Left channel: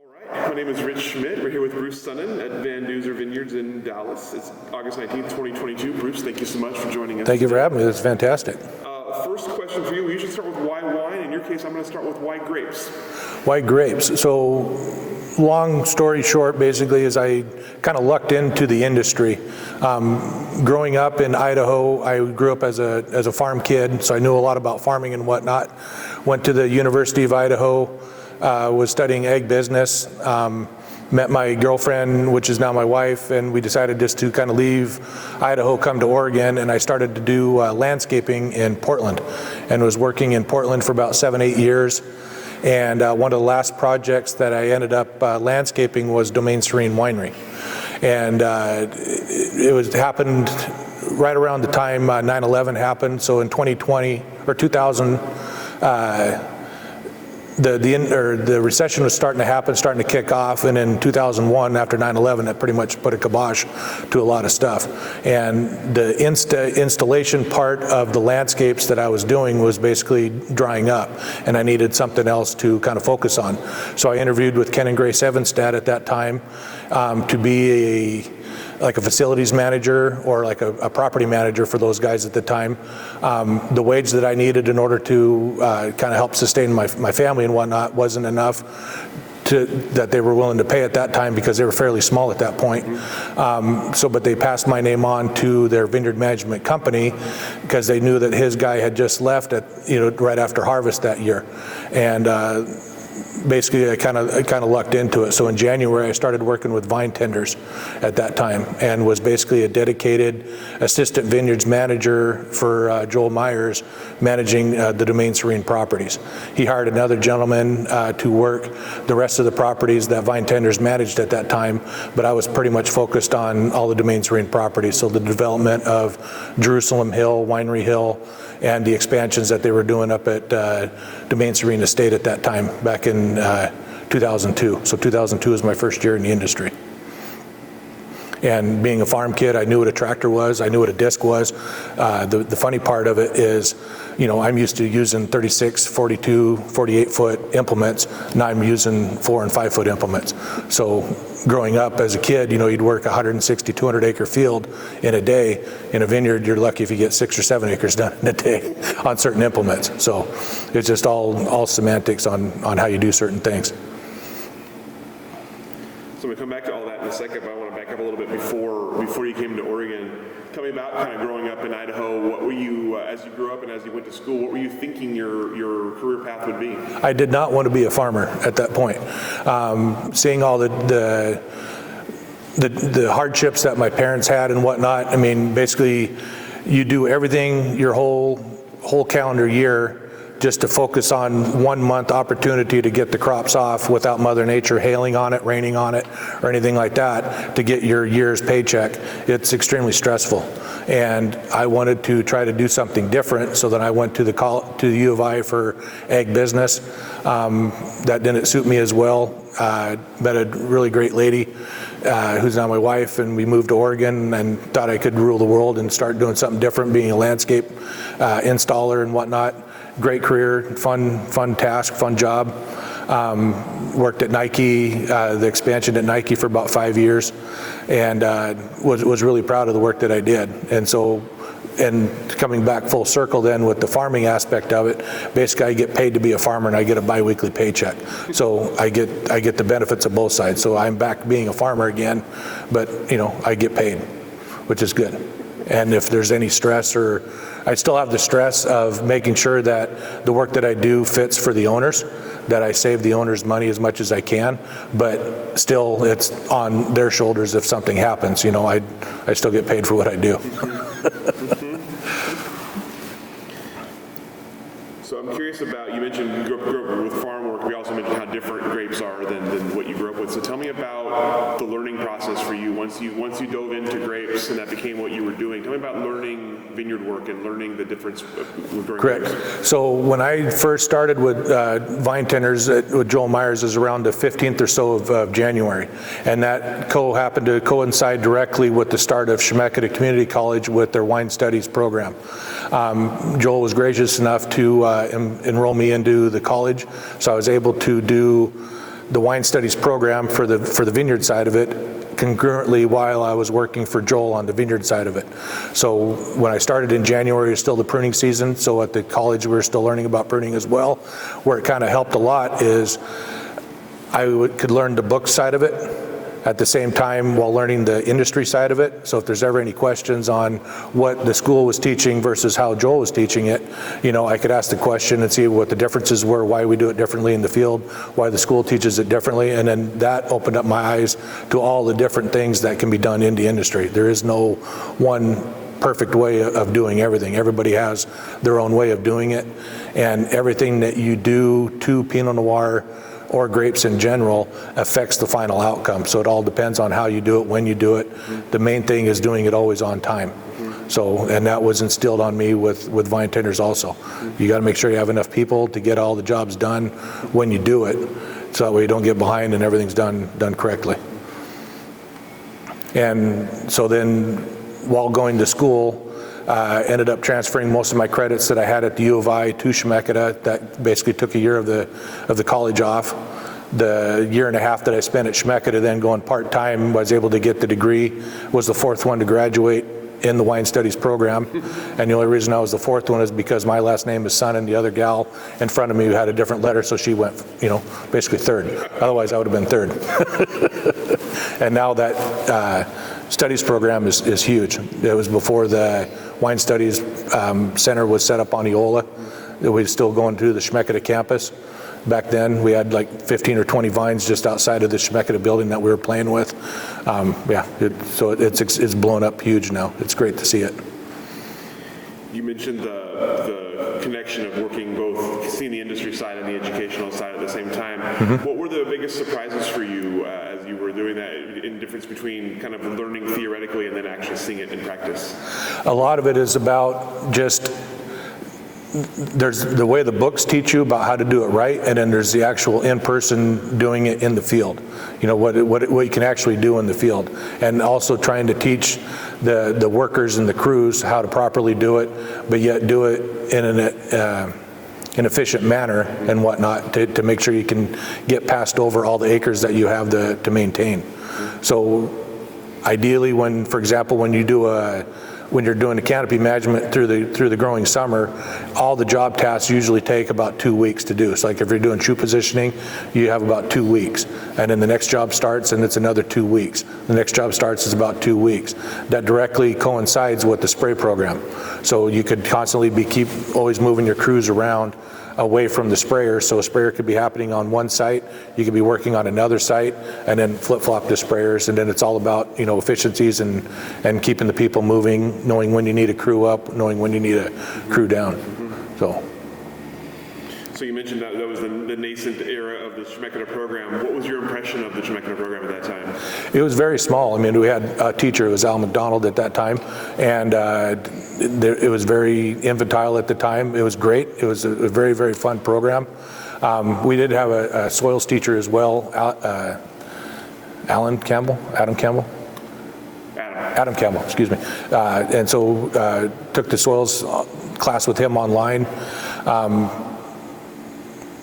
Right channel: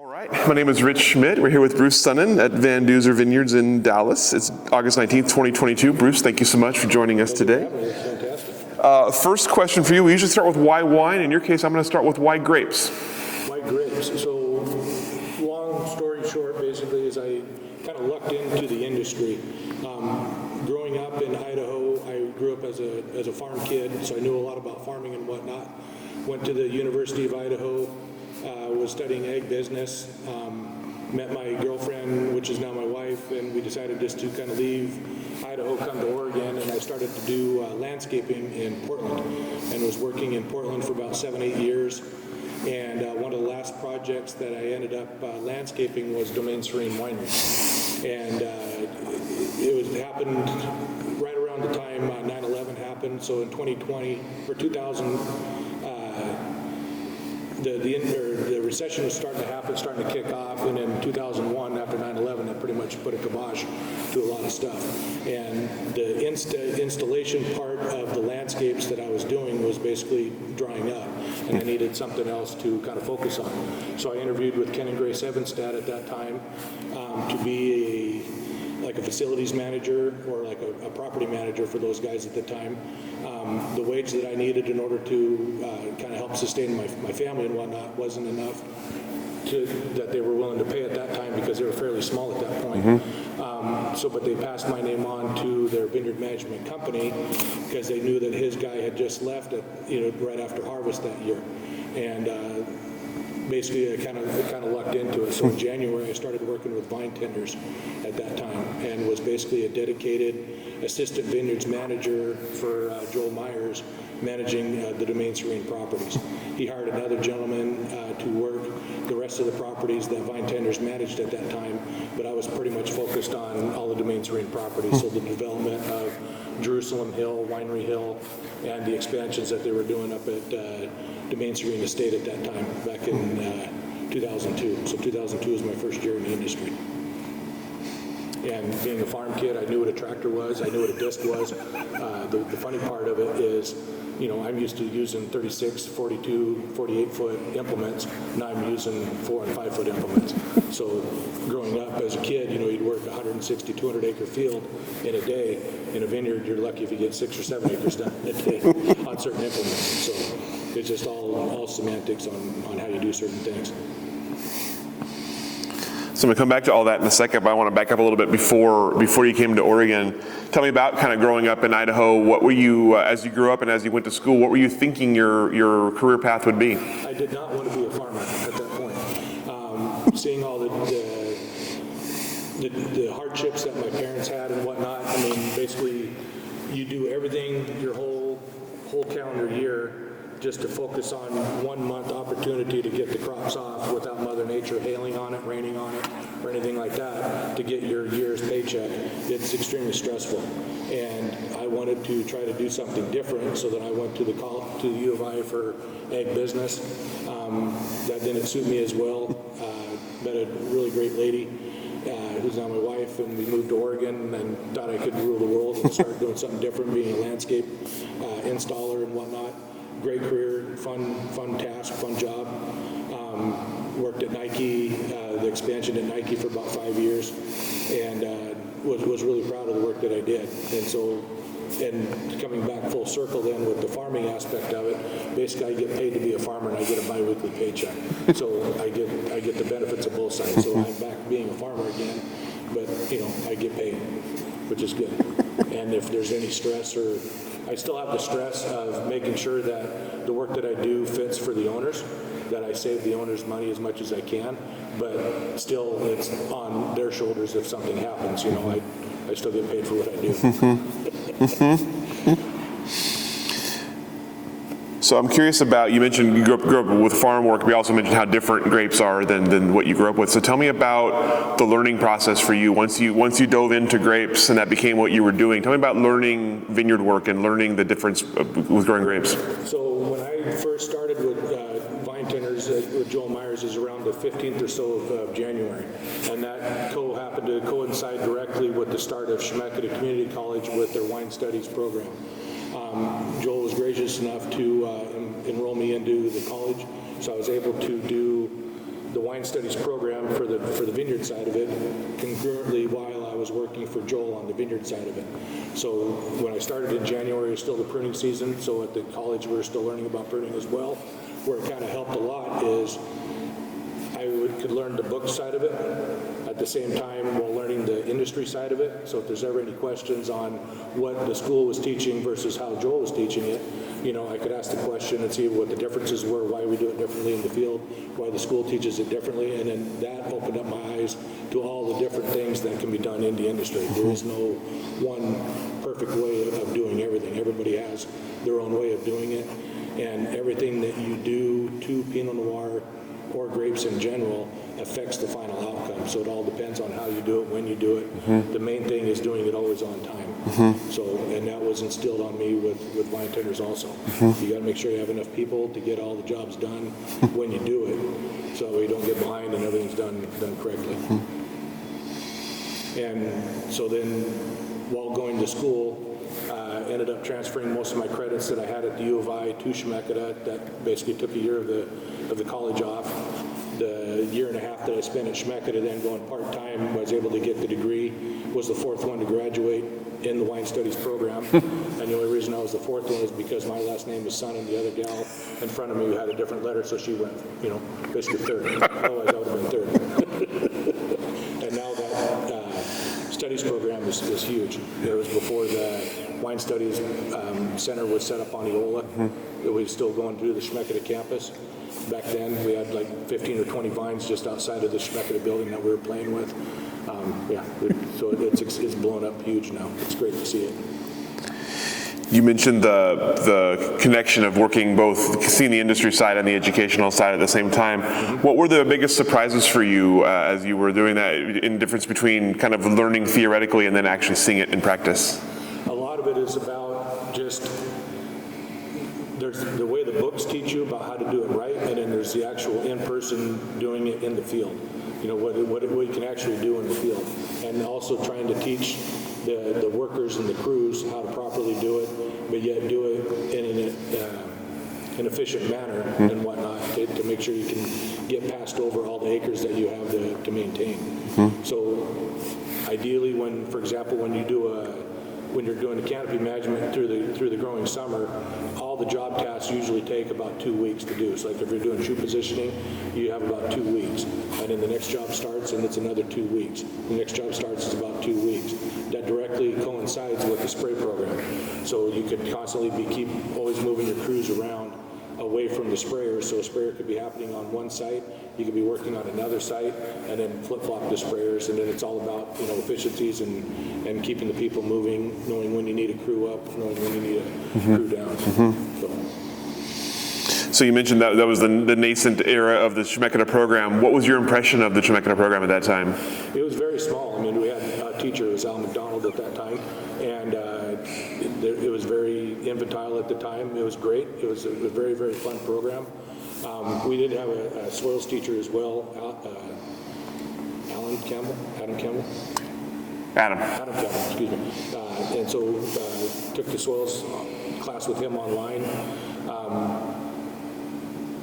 All right, my name is Rich Schmidt. We're here with Bruce Sonnen at Duzer Vineyards in Dallas. It's August 19th, 2022. Bruce, thank you so much for joining us today. Thank you for having me. That's fantastic. First question for you. We usually start with why wine. In your case, I'm going to start with why grapes. Why grapes? So, long story short, basically, is I kind of lucked into the industry. Growing up in Idaho, I grew up as a farm kid, so I knew a lot about farming and whatnot. Went to the University of Idaho. Was studying egg business, met my girlfriend, which is now my wife, and we decided just to kind of leave Idaho, come to Oregon, and I started to do landscaping in Portland, and was working in Portland for about 7-8 years. And one of the last projects that I ended up landscaping was Domain Serene Winery, and it happened right around the time 9/11 happened. So in 2020 or 2000. The recession was starting to happen, starting to kick off, and in 2001, after 9/11, that pretty much put a kibosh to a lot of stuff. And the installation part of the landscapes that I was doing was basically drying up, and I needed something else to kind of focus on. So I interviewed with Ken and Grace Evanstad at that time to be like a facilities manager or like a property manager for those guys at the time. The wage that I needed in order to kind of help sustain my family and whatnot wasn't enough that they were willing to pay at that time because they were fairly small at that point. But they passed my name on to their vineyard management company because they knew that his guy had just left right after harvest that year. And basically I kind of lucked into it. So in January I started working with vine tenders at that time and was basically a dedicated assistant vineyards manager for Joel Myers, managing the Domain Serene properties. He hired another gentleman to work the rest of the properties that vine tenders managed at that time, but I was pretty much focused on all the Domain Serene properties. So the development of Jerusalem Hill, Winery Hill, and the expansions that they were doing up at Domain Serene Estate at that time, back in 2002. So 2002 was my first year in the industry. And being a farm kid, I knew what a tractor was, I knew what a disc was. The funny part of it is, I'm used to using 36, 42, 48-foot implements. Now I'm using 4- and 5-foot implements. So growing up as a kid, you'd work a 160, 200-acre field in a day. In a vineyard, you're lucky if you get 6 or 7 acres done in a day on certain implements. So it's just all semantics on how you do certain things. So I'm going to come back to all that in a second, but I want to back up a little bit before you came to Oregon. Tell me about kind of growing up in Idaho. What were you, as you grew up and as you went to school, what were you thinking your career path would be? I did not want to be a farmer at that point. Seeing all the hardships that my parents had and whatnot, I mean, basically you do everything your whole calendar year just to focus on 1 month opportunity to get the crops off without Mother Nature hailing on it, raining on it, or anything like that to get your year's paycheck. It's extremely stressful. And I wanted to try to do something different, so that I went to the U of I for ag business. That didn't suit me as well. Met a really great lady who's now my wife, and we moved to Oregon and thought I could rule the world and start doing something different, being a landscape installer and whatnot. Great career, fun task, fun job. Worked at Nike, the expansion at Nike for about 5 years, and was really proud of the work that I did. And coming back full circle then with the farming aspect of it, basically I get paid to be a farmer and I get a biweekly paycheck. So I get the benefits of both sides. So I'm back being a farmer again, but I get paid, which is good. And if there's any stress, or I still have the stress of making sure that the work that I do fits for the owners, that I save the owners money as much as I can, but still it's on their shoulders if something happens. I still get paid for what I do. So I'm curious about, you mentioned you grew up with farm work, but you also mentioned how different grapes are than what you grew up with. So tell me about the learning process for you once you dove into grapes and that became what you were doing. Tell me about learning vineyard work and learning the difference with growing grapes. So when I first started with vine tenders with Joel Myers is around the 15th or so of January, and that happened to coincide directly with the start of Temecula Community College with their wine studies program. Joel was gracious enough to enroll me into the college, so I was able to do the wine studies program for the vineyard side of it concurrently while I was working for Joel on the vineyard side of it. So when I started in January, it was still the pruning season. So at the college, we were still learning about pruning as well. Where it kind of helped a lot is I could learn the book side of it at the same time while learning the industry side of it. So if there's ever any questions on what the school was teaching versus how Joel was teaching it, you know, I could ask the question and see what the differences were, why we do it differently in the field, why the school teaches it differently, and then that opened up my eyes to all the different things that can be done in the industry. There is no one perfect way of doing everything. Everybody has their own way of doing it, and everything that you do to Pinot Noir or grapes in general affects the final outcome. So it all depends on how you do it, when you do it. Mm-hmm. The main thing is doing it always on time. Mm-hmm. So, and that was instilled on me with vine tenders also. Mm-hmm. You got to make sure you have enough people to get all the jobs done when you do it, so that way you don't get behind and everything's done correctly. Mm-hmm. And so then while going to school, ended up transferring most of my credits that I had at the U of I to Temecula. That basically took a year of the college off. The year and a half that I spent at Temecula, then going part-time, was able to get the degree, was the fourth one to graduate in the wine studies program. And the only reason I was the fourth one is because my last name is Sonnen. The other gal in front of me had a different letter, so she went, you know, basically third. Otherwise I would have been third. And now that studies program is huge. It was before the Wine Studies Center was set up on Eola. Mm-hmm. We were still going to the Temecula campus. Back then, we had like 15 or 20 vines just outside of the Temecula building that we were playing with. So it's blown up huge now. It's great to see it. You mentioned the connection of working both, seeing the industry side and the educational side at the same time. Mm-hmm. What were the biggest surprises for you as you were doing that, in difference between kind of learning theoretically and then actually seeing it in practice? A lot of it is about just, there's the way the books teach you about how to do it right, and then there's the actual in-person doing it in the field. You know, what you can actually do in the field. And also trying to teach the workers and the crews how to properly do it, but yet do it in an efficient manner and whatnot to make sure you can get passed over all the acres that you have to maintain. Mm-hmm. So ideally, for example, when you're doing the canopy management through the growing summer, all the job tasks usually take about 2 weeks to do. So like if you're doing shoe positioning, you have about 2 weeks. And then the next job starts and it's another 2 weeks. The next job starts is about 2 weeks. That directly coincides with the spray program. So you could constantly keep always moving your crews around away from the sprayer. So a sprayer could be happening on one site, you could be working on another site, and then flip-flop the sprayers, and then it's all about, you know, efficiencies and keeping the people moving, knowing when you need a crew up, knowing when you need a crew down. Mm-hmm. So you mentioned that was the nascent era of the Temecula program. What was your impression of the Temecula program at that time? It was very small. I mean, we had a teacher, it was Al McDonald at that time, and it was very infantile at the time. It was great. It was a very, very fun program. We did have a soils teacher as well, Adam Campbell, excuse me. And so took the soils class with him online.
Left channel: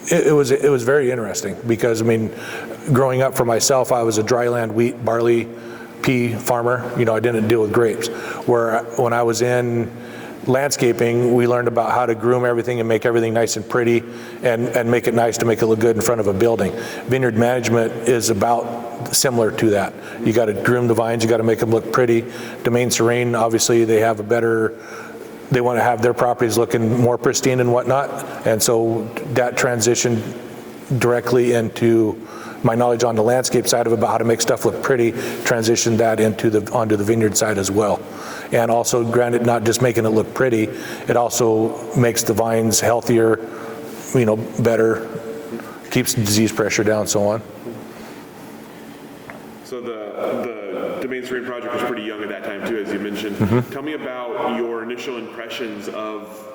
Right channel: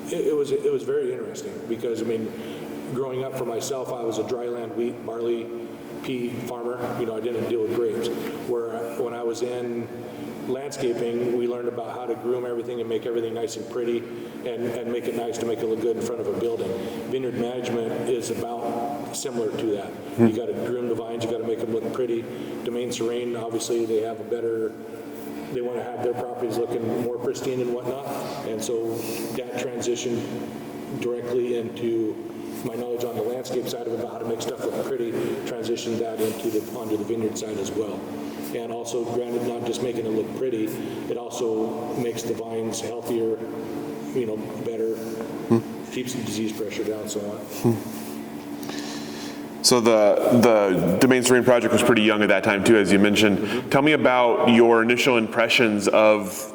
It was very interesting because, I mean, growing up for myself, I was a dryland wheat, barley, pea farmer. You know, I didn't deal with grapes. Where when I was in landscaping, we learned about how to groom everything and make everything nice and pretty and make it nice to make it look good in front of a building. Vineyard management is about similar to that. You got to groom the vines, you got to make them look pretty. Domaine Serene, obviously, they have they want to have their properties looking more pristine and whatnot. And so that transitioned directly into my knowledge on the landscape side of it about how to make stuff look pretty, transitioned that onto the vineyard side as well. And also, granted, not just making it look pretty, it also makes the vines healthier, you know, better, keeps the disease pressure down, so on. So the Domain Serene project was pretty young at that time too, as you mentioned. Mm-hmm. Tell me about your initial impressions of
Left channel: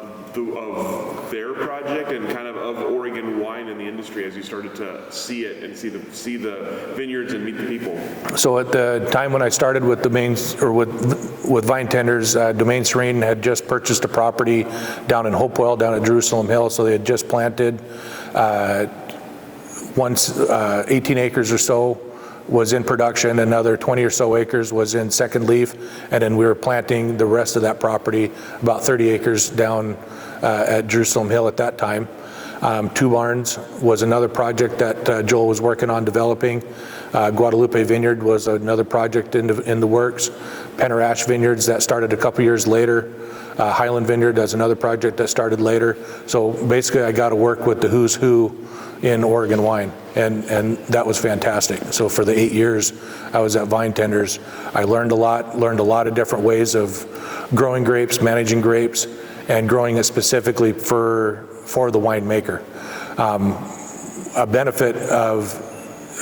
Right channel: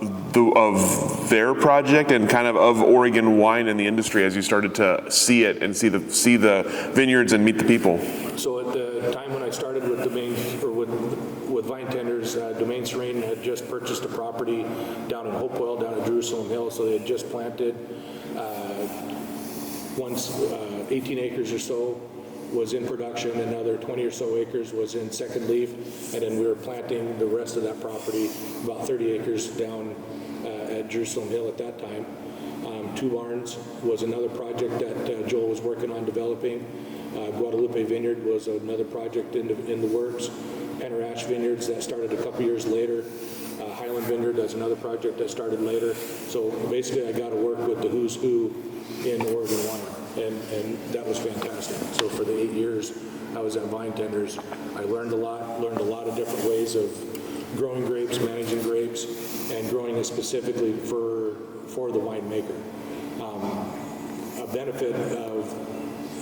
their project and kind of Oregon wine in the industry as you started to see it and see the vineyards and meet the people. So at the time when I started with with vine tenders, Domain Serene had just purchased a property down in Hopewell, down at Jerusalem Hill. So they had just planted once 18 acres or so was in production, another 20 or so acres was in second leaf, and then we were planting the rest of that property, about 30 acres down at Jerusalem Hill at that time. Two Barns was another project that Joel was working on developing. Guadalupe Vineyard was another project in the works. Penarash Vineyards, that started a couple years later. Highland Vineyard, that's another project that started later. So basically I got to work with the who's who in Oregon wine, and that was fantastic. So for the 8 years I was at Vine Tenders, I learned a lot of different ways of growing grapes, managing grapes, and growing it specifically for the winemaker. A benefit of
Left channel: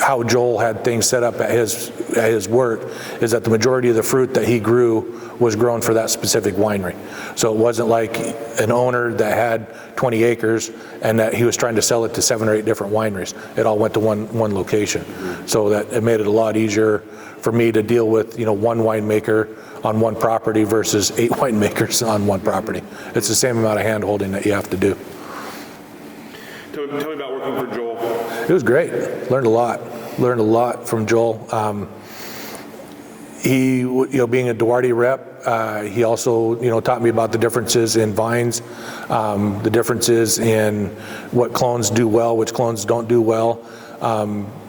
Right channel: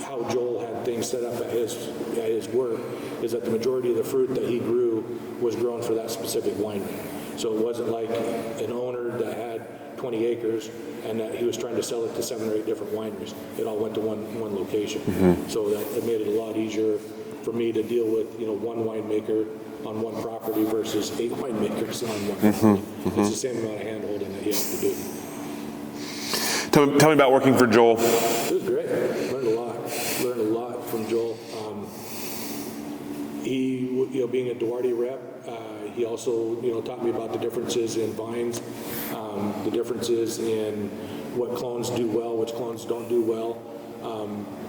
how Joel had things set up at his work is that the majority of the fruit that he grew was grown for that specific winery. So it wasn't like an owner that had 20 acres and that he was trying to sell it to 7 or 8 different wineries. It all went to one location. So that it made it a lot easier for me to deal with, one winemaker on one property versus 8 winemakers on one property. It's the same amount of hand holding that you have to do. Tell me about working for Joel. It was great. Learned a lot from Joel. He, being a Duarte rep, he also, taught me about the differences in vines, the differences in what clones do well, which clones don't do well.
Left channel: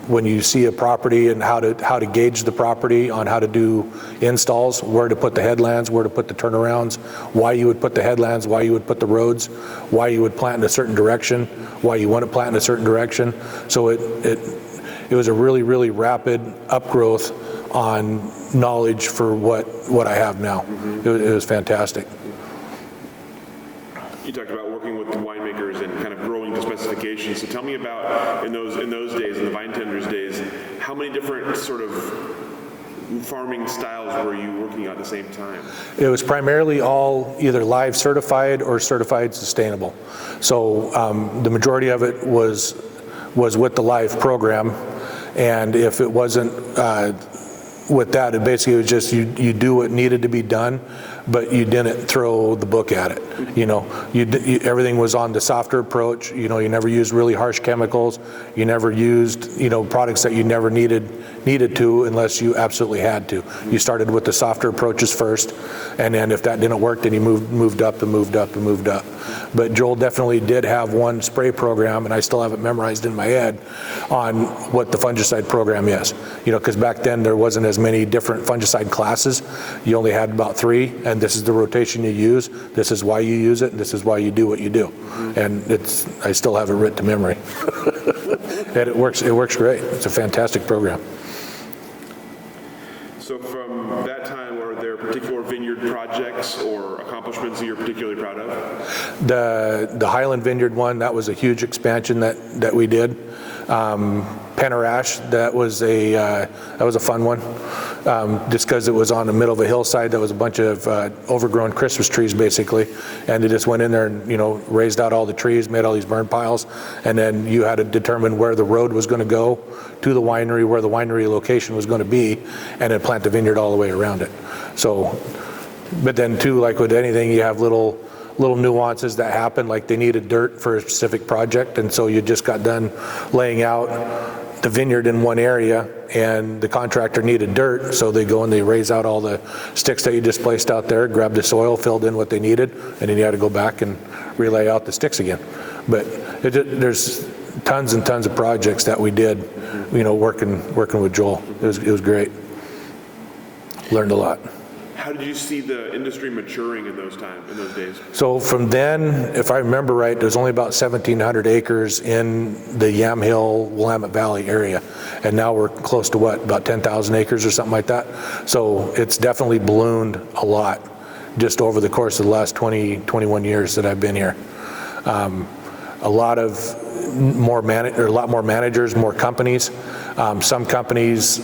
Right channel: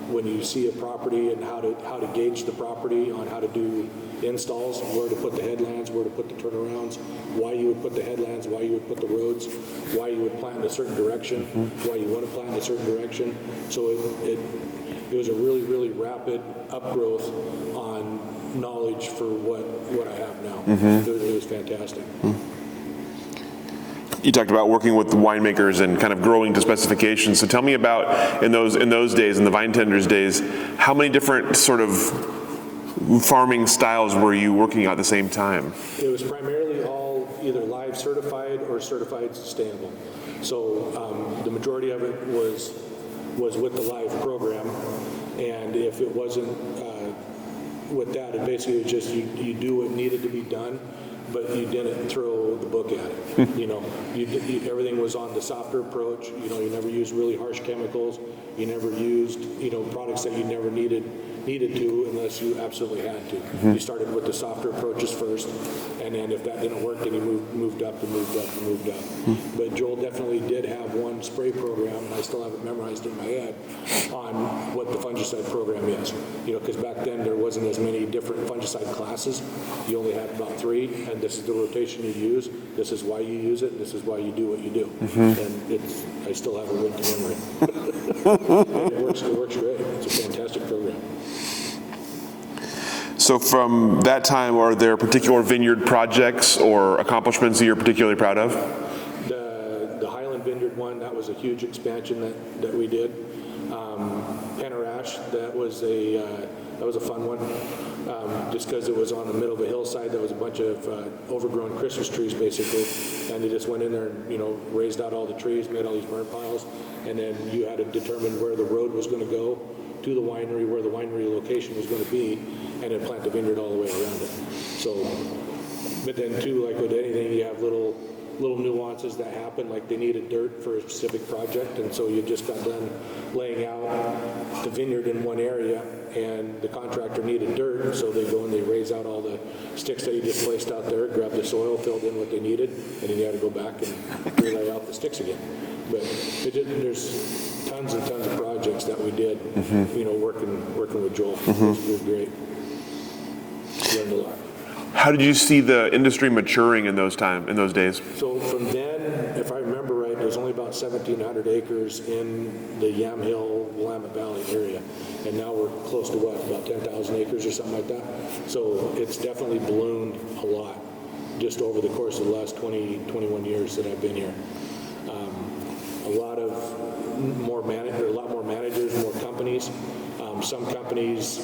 When you see a property and how to gauge the property on how to do installs, where to put the headlands, where to put the turnarounds, why you would put the headlands, why you would put the roads, why you would plant in a certain direction, why you want to plant in a certain direction. So it was a really, really rapid upgrowth on knowledge for what I have now. It was fantastic. You talked about working with winemakers and kind of growing to specifications. So tell me about in those days, in the Vine Tenders days, how many different sort of farming styles were you working at the same time? It was primarily all either live certified or certified sustainable. So the majority of it was with the live program, and if it wasn't with that, it basically was just you do what needed to be done, but you didn't throw the book at it. Everything was on the softer approach. You never used really harsh chemicals. You never used products that you never needed to unless you absolutely had to. You started with the softer approaches first, and then if that didn't work, then you moved up and moved up and moved up. But Joel definitely did have one spray program, and I still have it memorized in my head on what the fungicide program is. Because back then there wasn't as many different fungicide classes. You only had about 3, and this is the rotation you use. This is why you use it, and this is why you do what you do. And I still have it written to memory. And it works great. It's a fantastic program. So from that time, are there particular vineyard projects or accomplishments that you're particularly proud of? The Highland Vineyard one, that was a huge expansion that we did. Penarash, that was a fun one. Just because it was on the middle of a hillside, that was a bunch of overgrown Christmas trees basically, and they just went in there and raised out all the trees, made all these burn piles, and then you had to determine where the road was going to go to the winery, where the winery location was going to be, and then plant the vineyard all the way around it. So, but then too, like with anything, you have little nuances that happen, like they needed dirt for a specific project, and so you just got done laying out the vineyard in one area, and the contractor needed dirt, so they go and they raise out all the sticks that you just placed out there, grab the soil, filled in what they needed, and then you had to go back and relay out the sticks again. But there's tons and tons of projects that we did, working with Joel. It was great. Learned a lot. How did you see the industry maturing in those days? So from then, if I remember right, there's only about 1,700 acres in the Yamhill, Willamette Valley area. And now we're close to about 10,000 acres or something like that. So it's definitely ballooned a lot just over the course of the last 21 years that I've been here. A lot more managers, more companies. Some companies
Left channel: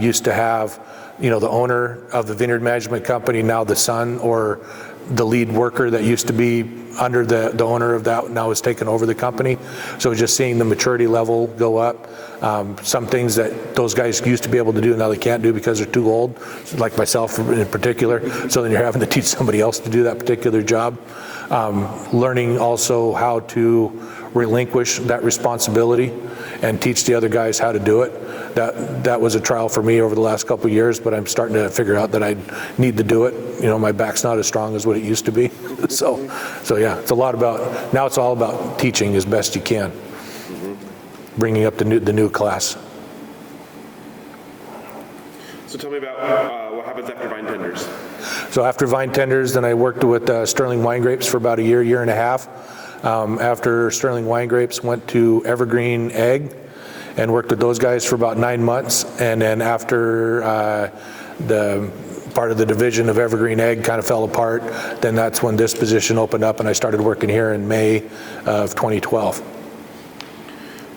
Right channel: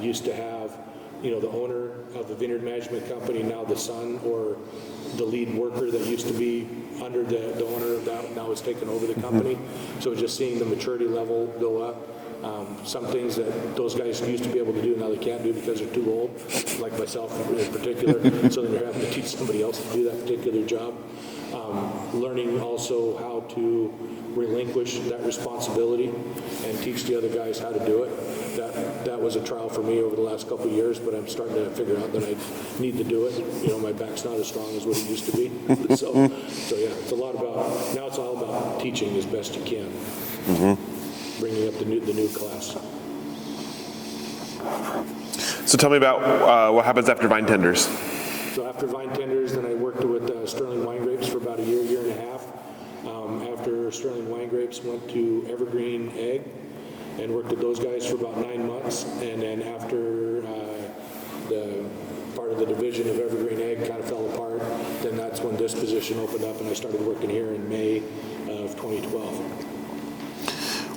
used to have the owner of the vineyard management company, now the son or the lead worker that used to be under the owner of that now has taken over the company. So just seeing the maturity level go up. Some things that those guys used to be able to do now they can't do because they're too old, like myself in particular. So then you're having to teach somebody else to do that particular job. Learning also how to relinquish that responsibility and teach the other guys how to do it. That was a trial for me over the last couple of years, but I'm starting to figure out that I need to do it. You know, my back's not as strong as what it used to be. So yeah, it's a lot about, now it's all about teaching as best you can, bringing up the new class. So tell me about what happens after vine tenders. So after vine tenders, then I worked with Sterling wine grapes for about a year and a half. After Sterling wine grapes, went to Evergreen Ag and worked with those guys for about 9 months. And then after the part of the division of Evergreen Ag kind of fell apart, then that's when this position opened up and I started working here in May of 2012.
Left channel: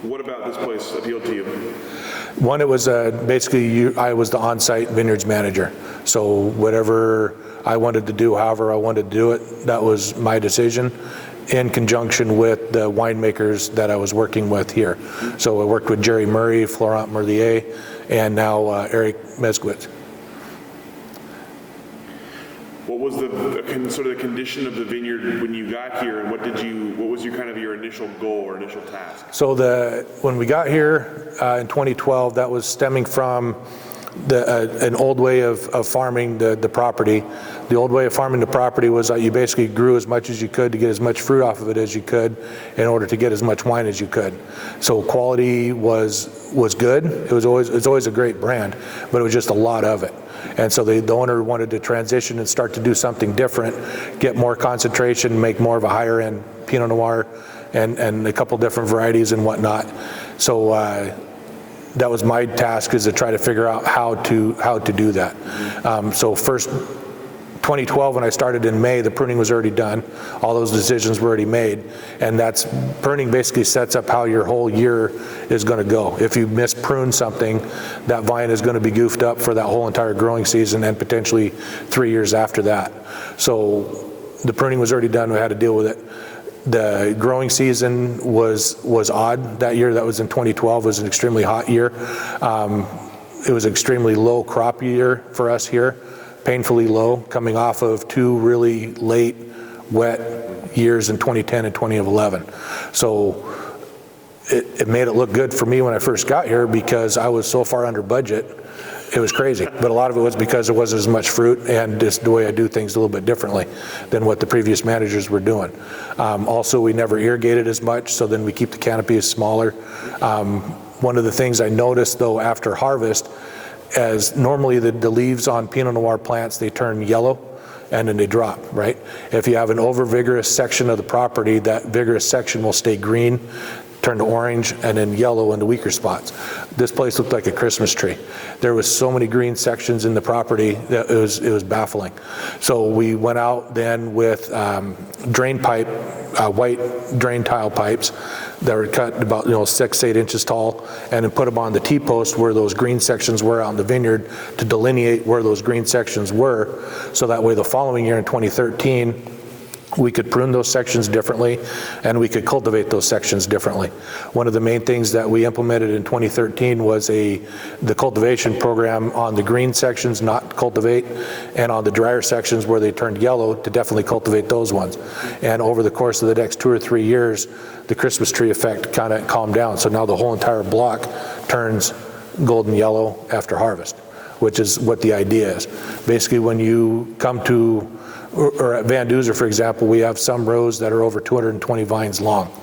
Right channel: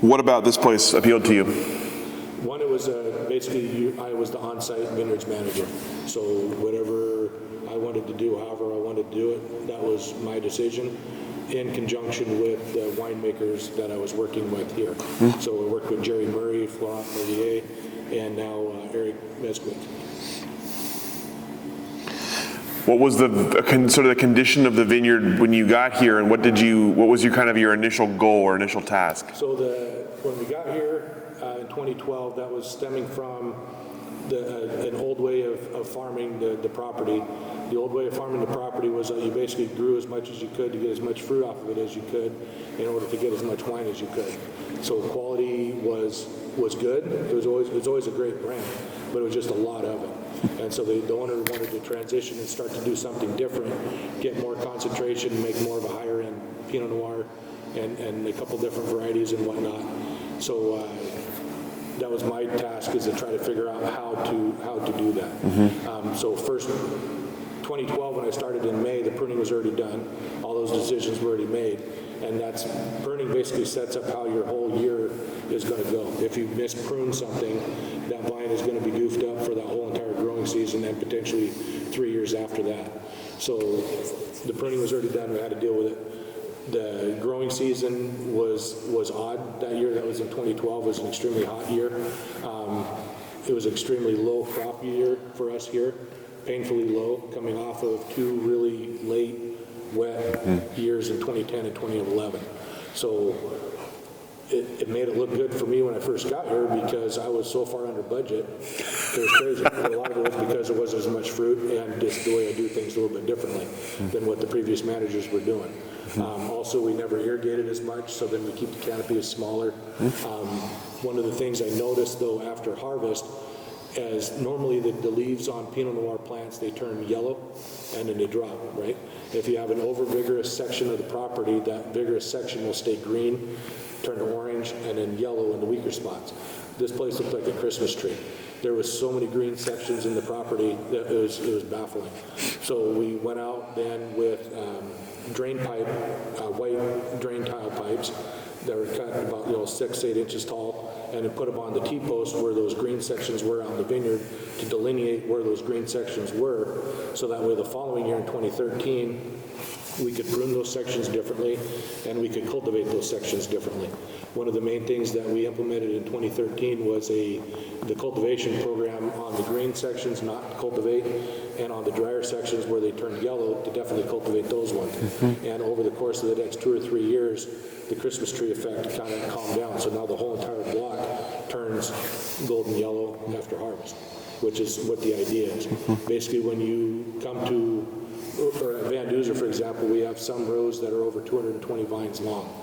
What about this place appealed to you? One, it was basically I was the on-site vineyards manager. So whatever I wanted to do, however I wanted to do it, that was my decision, in conjunction with the winemakers that I was working with here. So I worked with Jerry Murray, Florent Merlier, and now Eric Meskowitz. What was the sort of the condition of the vineyard when you got here, and what was your kind of your initial goal or initial task? So when we got here in 2012, that was stemming from an old way of farming the property. The old way of farming the property was that you basically grew as much as you could to get as much fruit off of it as you could in order to get as much wine as you could. So quality was good. It's always a great brand, but it was just a lot of it. And so the owner wanted to transition and start to do something different, get more concentration, make more of a higher end Pinot Noir and a couple different varieties and whatnot. So that was my task, is to try to figure out how to do that. So first, 2012, when I started in May, the pruning was already done. All those decisions were already made, and pruning basically sets up how your whole year is going to go. If you misprune something, that vine is going to be goofed up for that whole entire growing season and potentially 3 years after that. So the pruning was already done. We had to deal with it. The growing season was odd that year. That was in 2012. It was an extremely hot year. It was an extremely low crop year for us here, painfully low, coming off of 2 really late, wet years in 2010 and 2011. So it made it look good for me when I first got here because I was so far under budget. It was crazy, but a lot of it was because there wasn't as much fruit and just the way I do things a little bit differently than what the previous managers were doing. Also, we never irrigated as much, so then we keep the canopy smaller. One of the things I noticed though after harvest, as normally the leaves on Pinot Noir plants, they turn yellow and then they drop, right? If you have an over vigorous section of the property, that vigorous section will stay green, turn to orange, and then yellow in the weaker spots. This place looked like a Christmas tree. There was so many green sections in the property that it was baffling. So we went out then with drain pipe, white drain tile pipes that were cut about 6-8 inches tall, and then put them on the T-post where those green sections were out in the vineyard to delineate where those green sections were, so that way the following year in 2013 we could prune those sections differently and we could cultivate those sections differently. One of the main things that we implemented in 2013 was the cultivation program on the green sections, not cultivate, and on the drier sections where they turned yellow to definitely cultivate those ones. And over the course of the next 2 or 3 years, the Christmas tree effect kind of calmed down. So now the whole entire block turns golden yellow after harvest, which is what the idea is. Basically, when you come to, or at Van Duzer, for example, we have some rows that are over 220 vines long,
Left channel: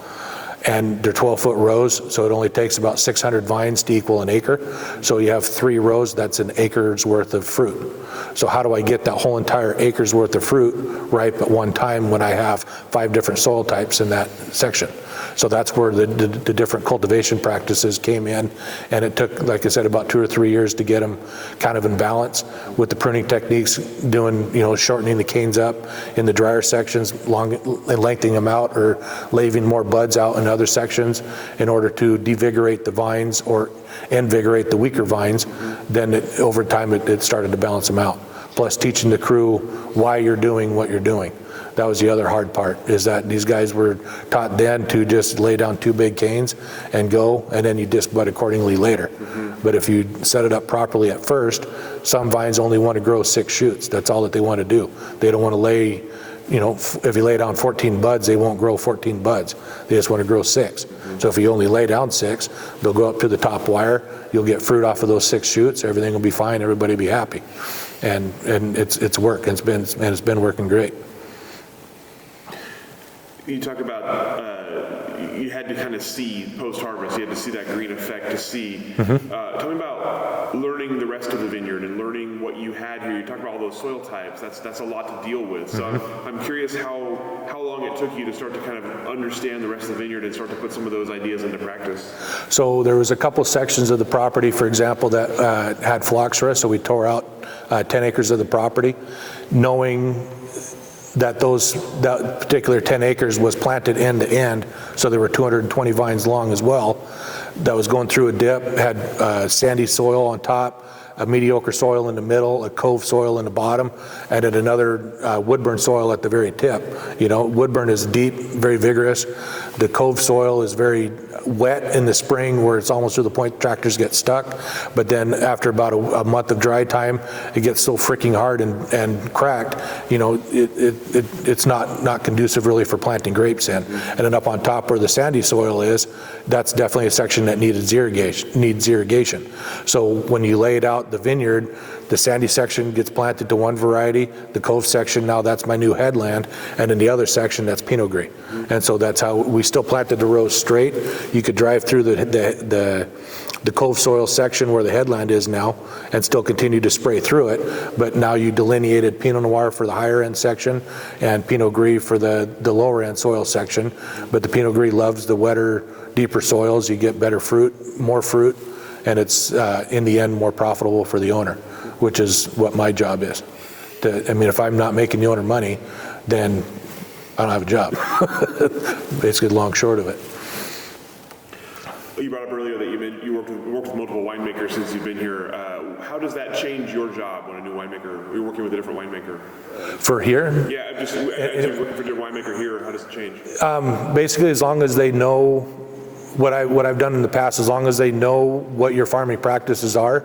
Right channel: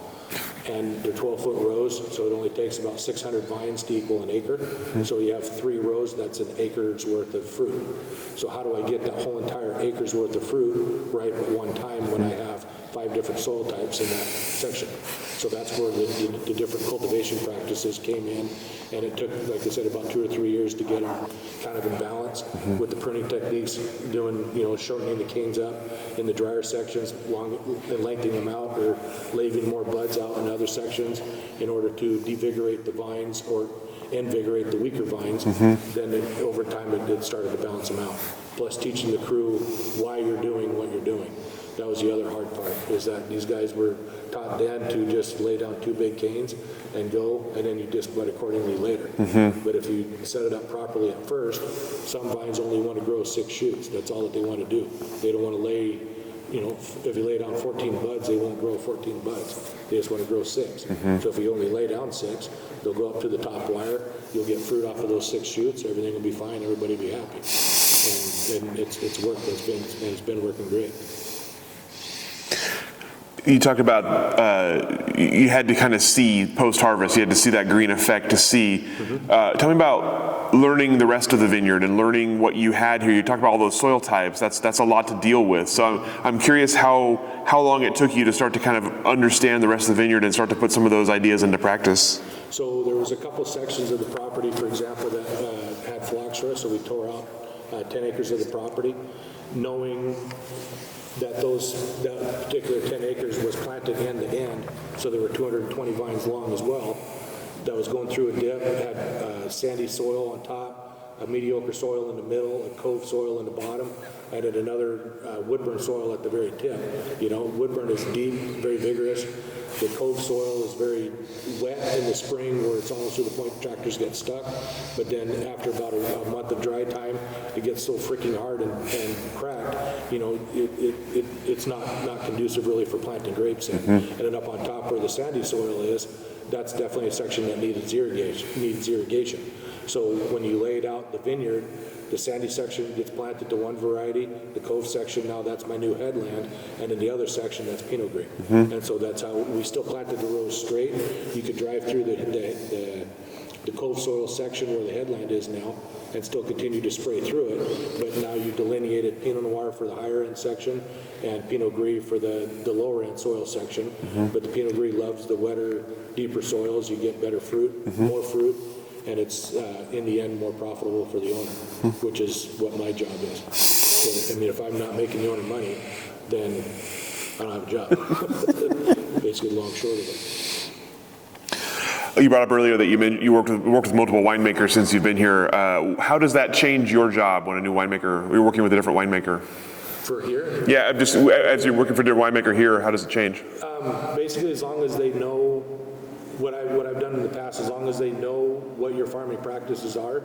and they're 12-foot rows, so it only takes about 600 vines to equal an acre. So you have 3 rows, that's an acre's worth of fruit. So how do I get that whole entire acre's worth of fruit ripe at one time when I have 5 different soil types in that section? So that's where the different cultivation practices came in, and it took, like I said, about 2 or 3 years to get them kind of in balance with the pruning techniques, doing, shortening the canes up in the drier sections, and lengthening them out, or leaving more buds out in other sections in order to devigorate the vines or invigorate the weaker vines. Then over time it started to balance them out. Plus teaching the crew why you're doing what you're doing. That was the other hard part, is that these guys were taught then to just lay down 2 big canes and go, and then you disc bud accordingly later. But if you set it up properly at first, some vines only want to grow 6 shoots. That's all that they want to do. They don't want to lay you know, if you lay down 14 buds, they won't grow 14 buds. They just want to grow 6. So if you only lay down 6, they'll go up to the top wire. You'll get fruit off of those 6 shoots. Everything will be fine. Everybody will be happy. And it's worked. It's been working great. You talked about you had to kind of see post-harvest, you had to see that green effect to see. Tell me about learning the rest of the vineyard and learning what you had here. You talked about all those soil types. That's a lot to deal with. So I'm curious how long it took you to start to kind of understand the rest of the vineyard and start to put some of those ideas into practice. So there was a couple sections of the property, for example, that had phylloxera, so we tore out 10 acres of the property, knowing that that particular 10 acres was planted end to end, so there were 220 vines long as well, that was going through a dip, had sandy soil on top, a mediocre soil in the middle, a cove soil in the bottom, and then another woodburn soil at the very tip. You know, woodburn is deep, very vigorous. The cove soil is very wet in the spring where it's almost to the point tractors get stuck, but then after about a month of dry time, it gets so freaking hard and cracked, you know, it's not conducive really for planting grapes in. And then up on top where the sandy soil is, that's definitely a section that needs irrigation. So when you laid out the vineyard, the sandy section gets planted to one variety, the cove section, now that's my new headland, and in the other section, that's Pinot Gris. And so that's how we still planted the rows straight. You could drive through the cove soil section where the headland is now and still continue to spray through it, but now you delineated Pinot Noir for the higher end section and Pinot Gris for the lower end soil section. But the Pinot Gris loves the wetter, deeper soils. You get better fruit, more fruit, and it's in the end more profitable for the owner, which is what my job is. I mean, if I'm not making the owner money, then I don't have a job. Basically, the long short of it. You brought up earlier that you worked with multiple winemakers since you've been here. How does that change your job when a new winemaker, you're working with a different winemaker? For here? Yeah, just as you're working for a different winemaker here, how does it change? Basically, as long as they know what I've done in the past, as long as they know what your farming practices are,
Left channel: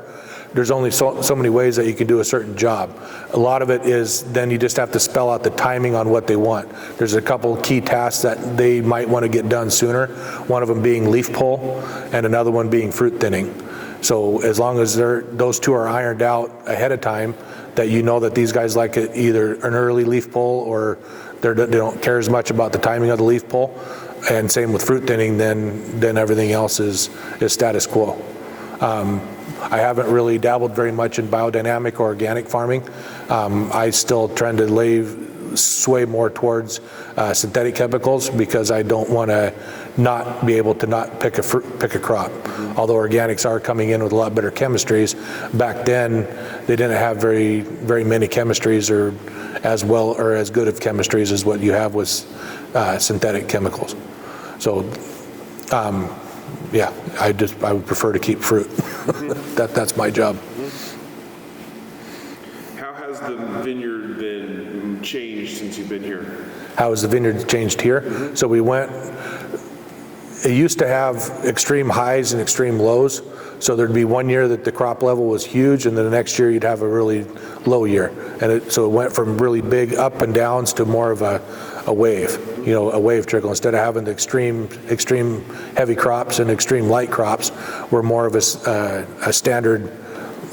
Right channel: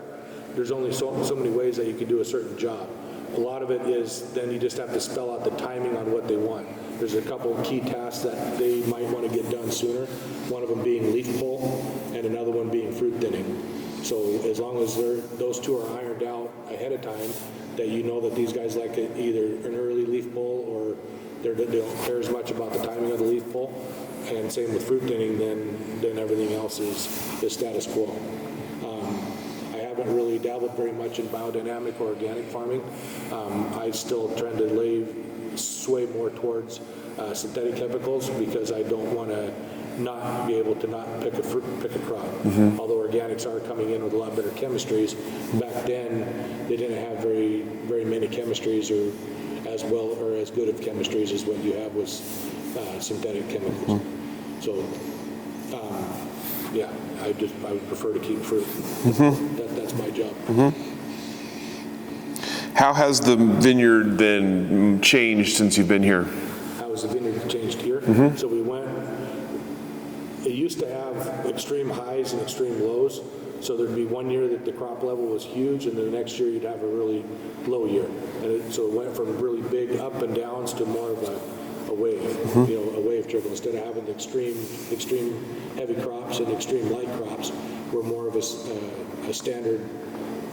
there's only so many ways that you can do a certain job. A lot of it is then you just have to spell out the timing on what they want. There's a couple key tasks that they might want to get done sooner, one of them being leaf pull and another one being fruit thinning. So as long as those two are ironed out ahead of time, that you know that these guys like either an early leaf pull or they don't care as much about the timing of the leaf pull, and same with fruit thinning, then everything else is status quo. I haven't really dabbled very much in biodynamic or organic farming. I still tend to sway more towards synthetic chemicals because I don't want to not be able to not pick a crop. Although organics are coming in with a lot better chemistries, back then they didn't have very many chemistries or as well or as good of chemistries as what you have with synthetic chemicals. So yeah, I would prefer to keep fruit. That's my job. How has the vineyard then changed since you've been here? How has the vineyard changed here? So it used to have extreme highs and extreme lows. So there'd be one year that the crop level was huge, and then the next year you'd have a really low year. And so it went from really big up and downs to more of a wave, you know, a wave trickle. Instead of having the extreme heavy crops and extreme light crops, we're more of a standard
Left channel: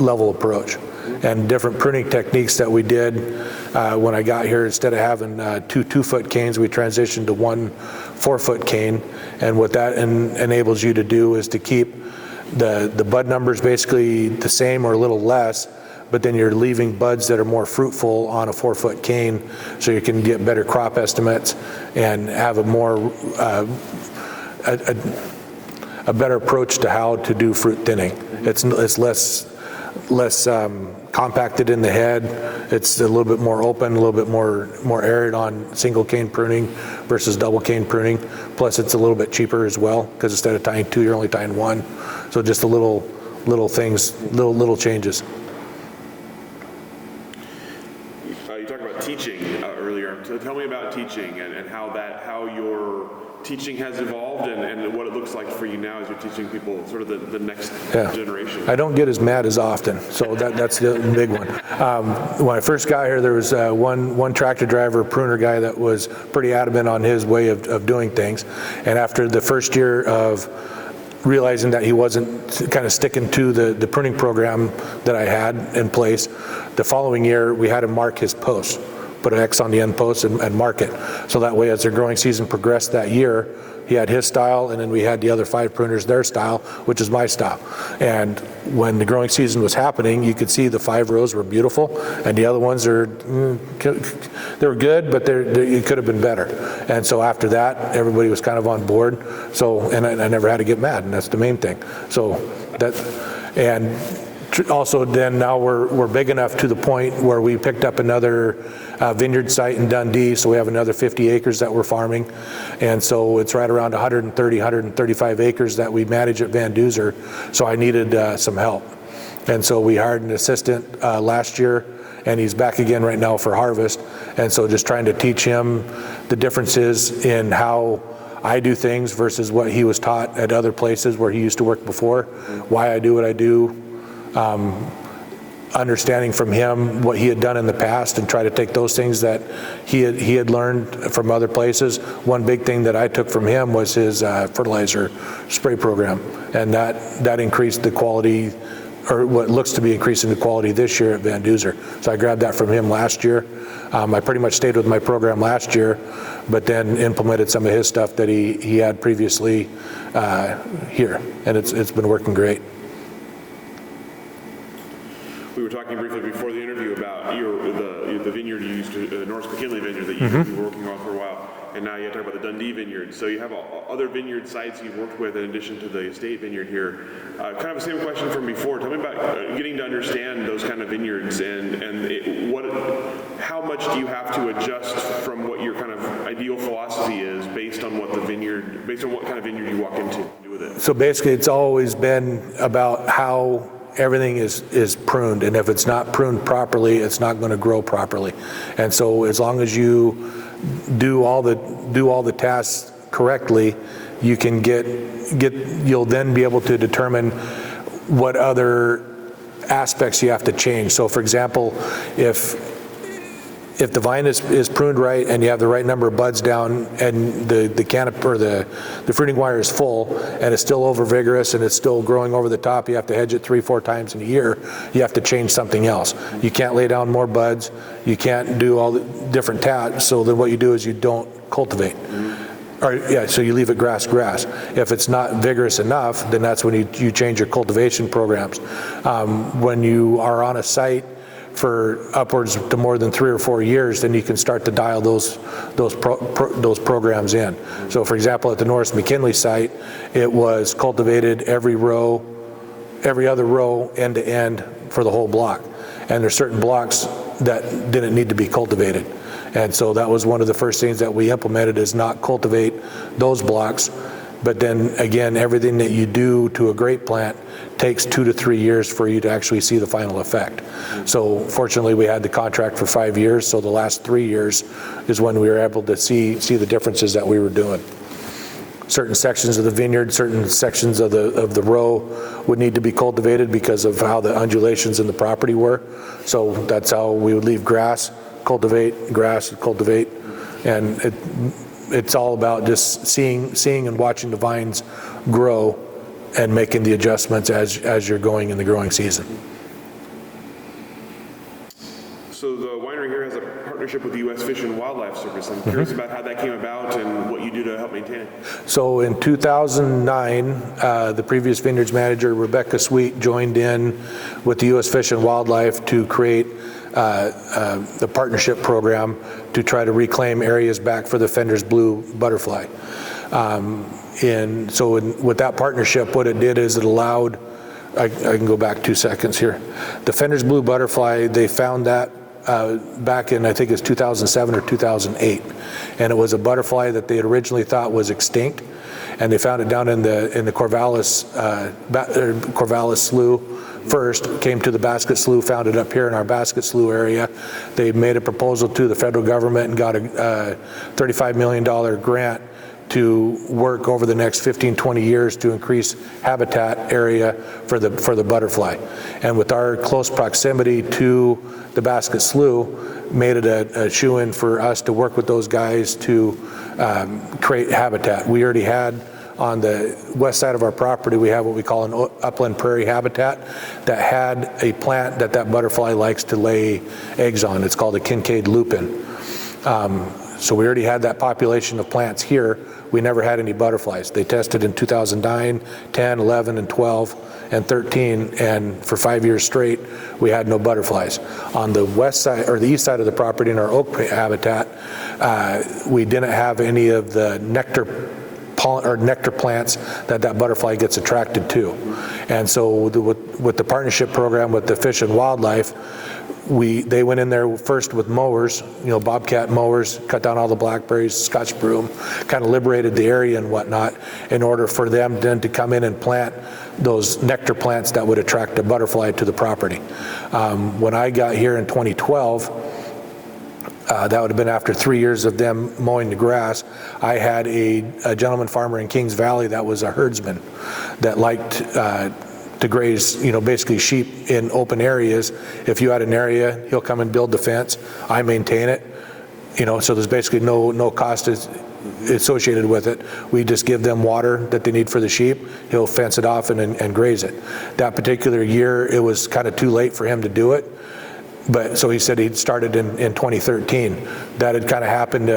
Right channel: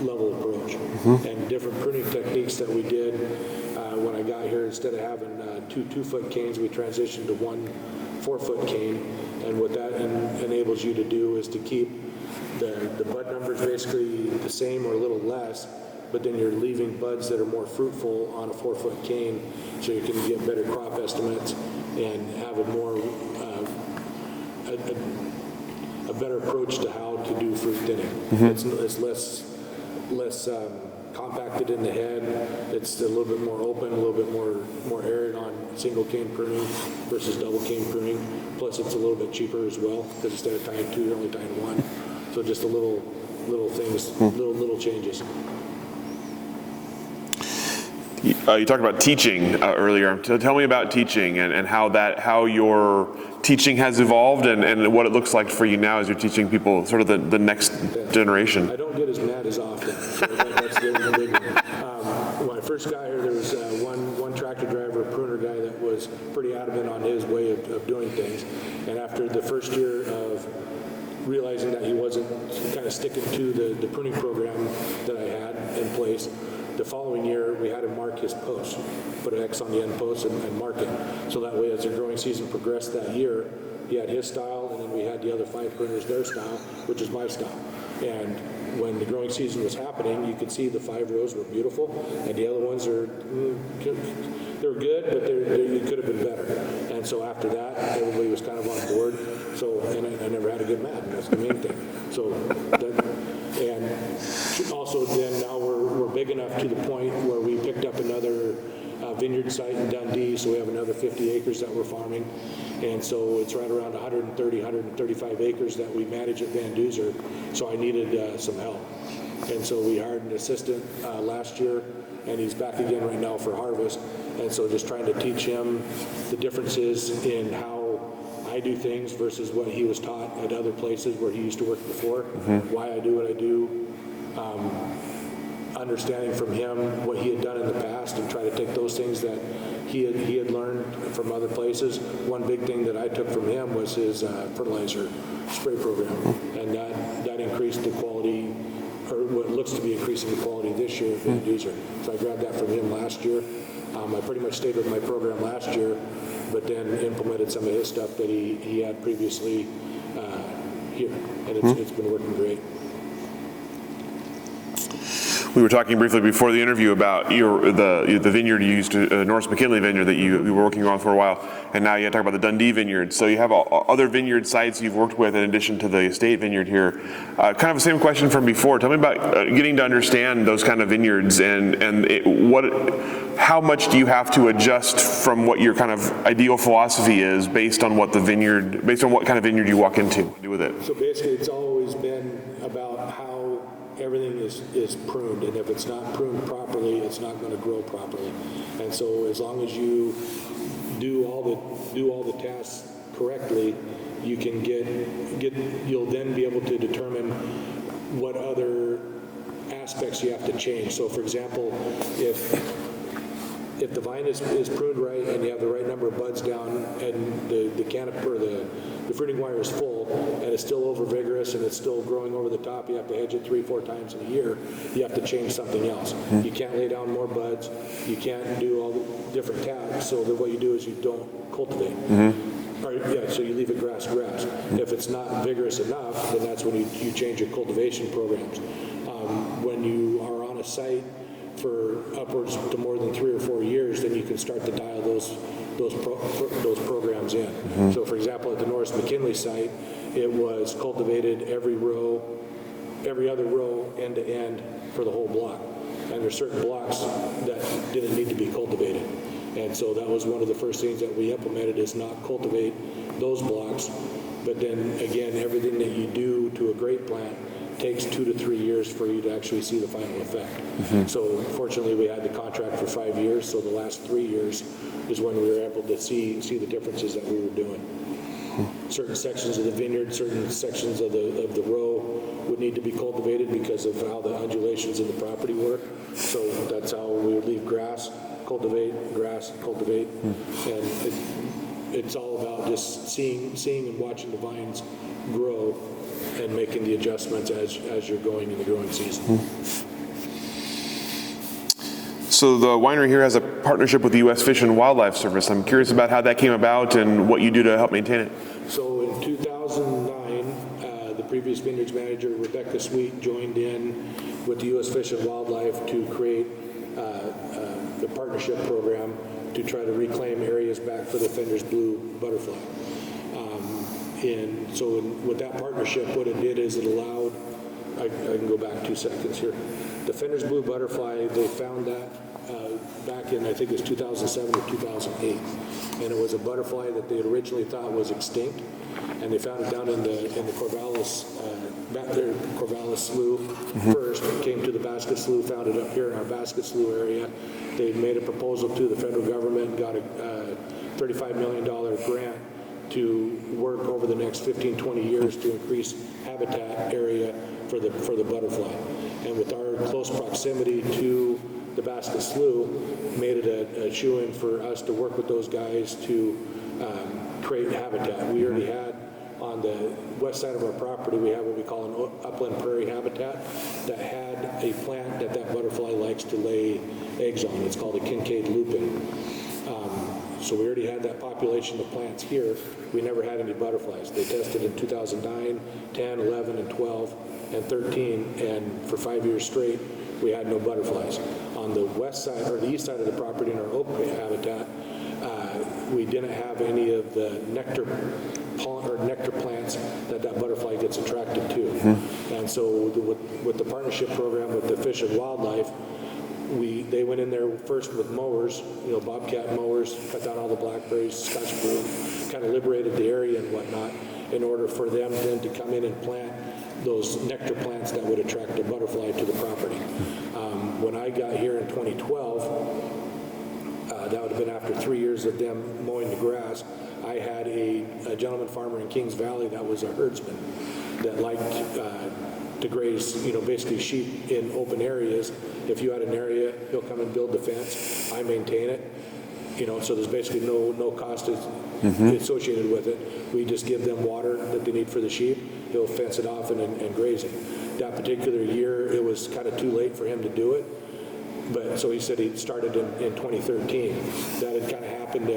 level approach. And different pruning techniques that we did when I got here, instead of having two 2-foot canes, we transitioned to one 4-foot cane. And what that enables you to do is to keep the bud numbers basically the same or a little less, but then you're leaving buds that are more fruitful on a 4-foot cane, so you can get better crop estimates and have a more a better approach to how to do fruit thinning. It's less compacted in the head. It's a little bit more open, a little bit more arid on single cane pruning versus double cane pruning. Plus, it's a little bit cheaper as well because instead of tying 2, you're only tying 1. So just a little things, little changes. You talked about teaching earlier. Tell me about teaching and how your teaching has evolved and what it looks like for you now as you're teaching people sort of the next generation. I don't get as mad as often, so that's the big one. When I first got here, there was one tractor driver, pruner guy that was pretty adamant on his way of doing things. And after the first year of realizing that he wasn't kind of sticking to the pruning program that I had in place, the following year we had him mark his posts, put an X on the end post and mark it. So that way as their growing season progressed that year, he had his style, and then we had the other 5 pruners their style, which is my style. And when the growing season was happening, you could see the 5 rows were beautiful, and the other ones they were good, but it could have been better. And so after that, everybody was kind of on board. So, and I never had to get mad, and that's the main thing. So that, and also then now we're big enough to the point where we picked up another vineyard site in Dundee, so we have another 50 acres that we're farming, and so it's right around 135 acres that we manage at Van Duzer, so I needed some help. And so we hired an assistant last year, and he's back again right now for harvest, and so just trying to teach him the differences in how I do things versus what he was taught at other places where he used to work before, why I do what I do, understanding from him what he had done in the past and try to take those things that he had learned from other places. One big thing that I took from him was his fertilizer spray program, and that increased the quality, or what looks to be increasing the quality this year at Van Duzer. So I grabbed that from him last year. I pretty much stayed with my program last year, but then implemented some of his stuff that he had previously here, and it's been working great. We were talking briefly before the interview about the vineyard you used to, North McKinley vineyard that you were working on for a while, and now you talk about the Dundee vineyard. So you have other vineyard sites you've worked with in addition to the estate vineyard here. Kind of the same question from before. Tell me about getting to understand those kind of vineyards how much do you have to adjust from what your kind of ideal philosophy is based on what kind of vineyard you walk into do with it? So basically, it's always been about how everything is pruned, and if it's not pruned properly, it's not going to grow properly. And so as long as you do all the tasks correctly, you can you'll then be able to determine what other aspects you have to change. So for example, if the vine is pruned right and you have the right number of buds down and the canopy or the fruiting wire is full and it's still over vigorous and it's still growing over the top, you have to hedge it 3-4 times in a year, you have to change something else. You can't lay down more buds, you can't do all the different tasks, so then what you do is you don't cultivate. So you leave it grass. If it's not vigorous enough, then that's when you change your cultivation programs. When you are on a site for upwards to more than 3 or 4 years, then you can start to dial those programs in. So for example, at the North McKinley site, it was cultivated every other row end to end for the whole block. And there's certain blocks that didn't need to be cultivated. And so that was one of the first things that we implemented, is not cultivate those blocks. But then again, everything that you do to a grape plant takes 2 to 3 years for you to actually see the final effect. So fortunately, we had the contract for 5 years, so the last 3 years is when we were able to see the differences that we were doing. Certain sections of the vineyard, certain sections of the row would need to be cultivated because of how the undulations in the property were. So that's how we would leave grass, cultivate, grass, cultivate, and it's all about just seeing and watching the vines grow and making the adjustments as you're going in the growing season. So the winery here has a partnership with the U.S. Fish and Wildlife Service. I'm curious about how that came about and what you do to help maintain it. So in 2009, the previous vineyards manager, Rebecca Sweet, joined in with the U.S. Fish and Wildlife to create the partnership program to try to reclaim areas back for the Fenders blue butterfly. With that partnership, what it did is it allowed, I can go back 2 seconds here. The Fenders blue butterfly, they found that back in, I think it's 2007 or 2008. And it was a butterfly that they had originally thought was extinct. and they found it down in the Corvallis Slough first, came to the Basket Slough, found it up here in our Basket Slough area. They made a proposal to the federal government and got a $35 million grant to work over the next 15, 20 years to increase habitat area for the butterfly. And with our close proximity to the Basket Slough, made it a shoe-in for us to work with those guys to create habitat. We already had on the west side of our property, we have what we call an upland prairie habitat that had a plant that butterfly likes to lay eggs on. It's called a Kincaid lupin. So we already had that population of plants here. We never had any butterflies. They tested in 2009, 10, 11, and 12, and 13, and for 5 years straight, we had no butterflies. On the west side, or the east side of the property in our oak habitat, we didn't have any of the nectar plants that butterfly gets attracted to. And so with the partnership program with the Fish and Wildlife, they went in there first with mowers, bobcat mowers, cut down all the blackberries, Scotch broom, kind of liberated the area and whatnot in order for them then to come in and plant those nectar plants that would attract a butterfly to the property. When I got here in 2012, that would have been after 3 years of them mowing the grass. I had a gentleman farmer in Kings Valley that was a herdsman that liked to graze, basically sheep in open areas. If you had an area, he'll come and build the fence. I maintain it, so there's basically no cost associated with it. We just give them water that they need for the sheep. He'll fence it off and graze it. That particular year, it was kind of too late for him to do it. But so he said he'd started in 2013. That had kind of happened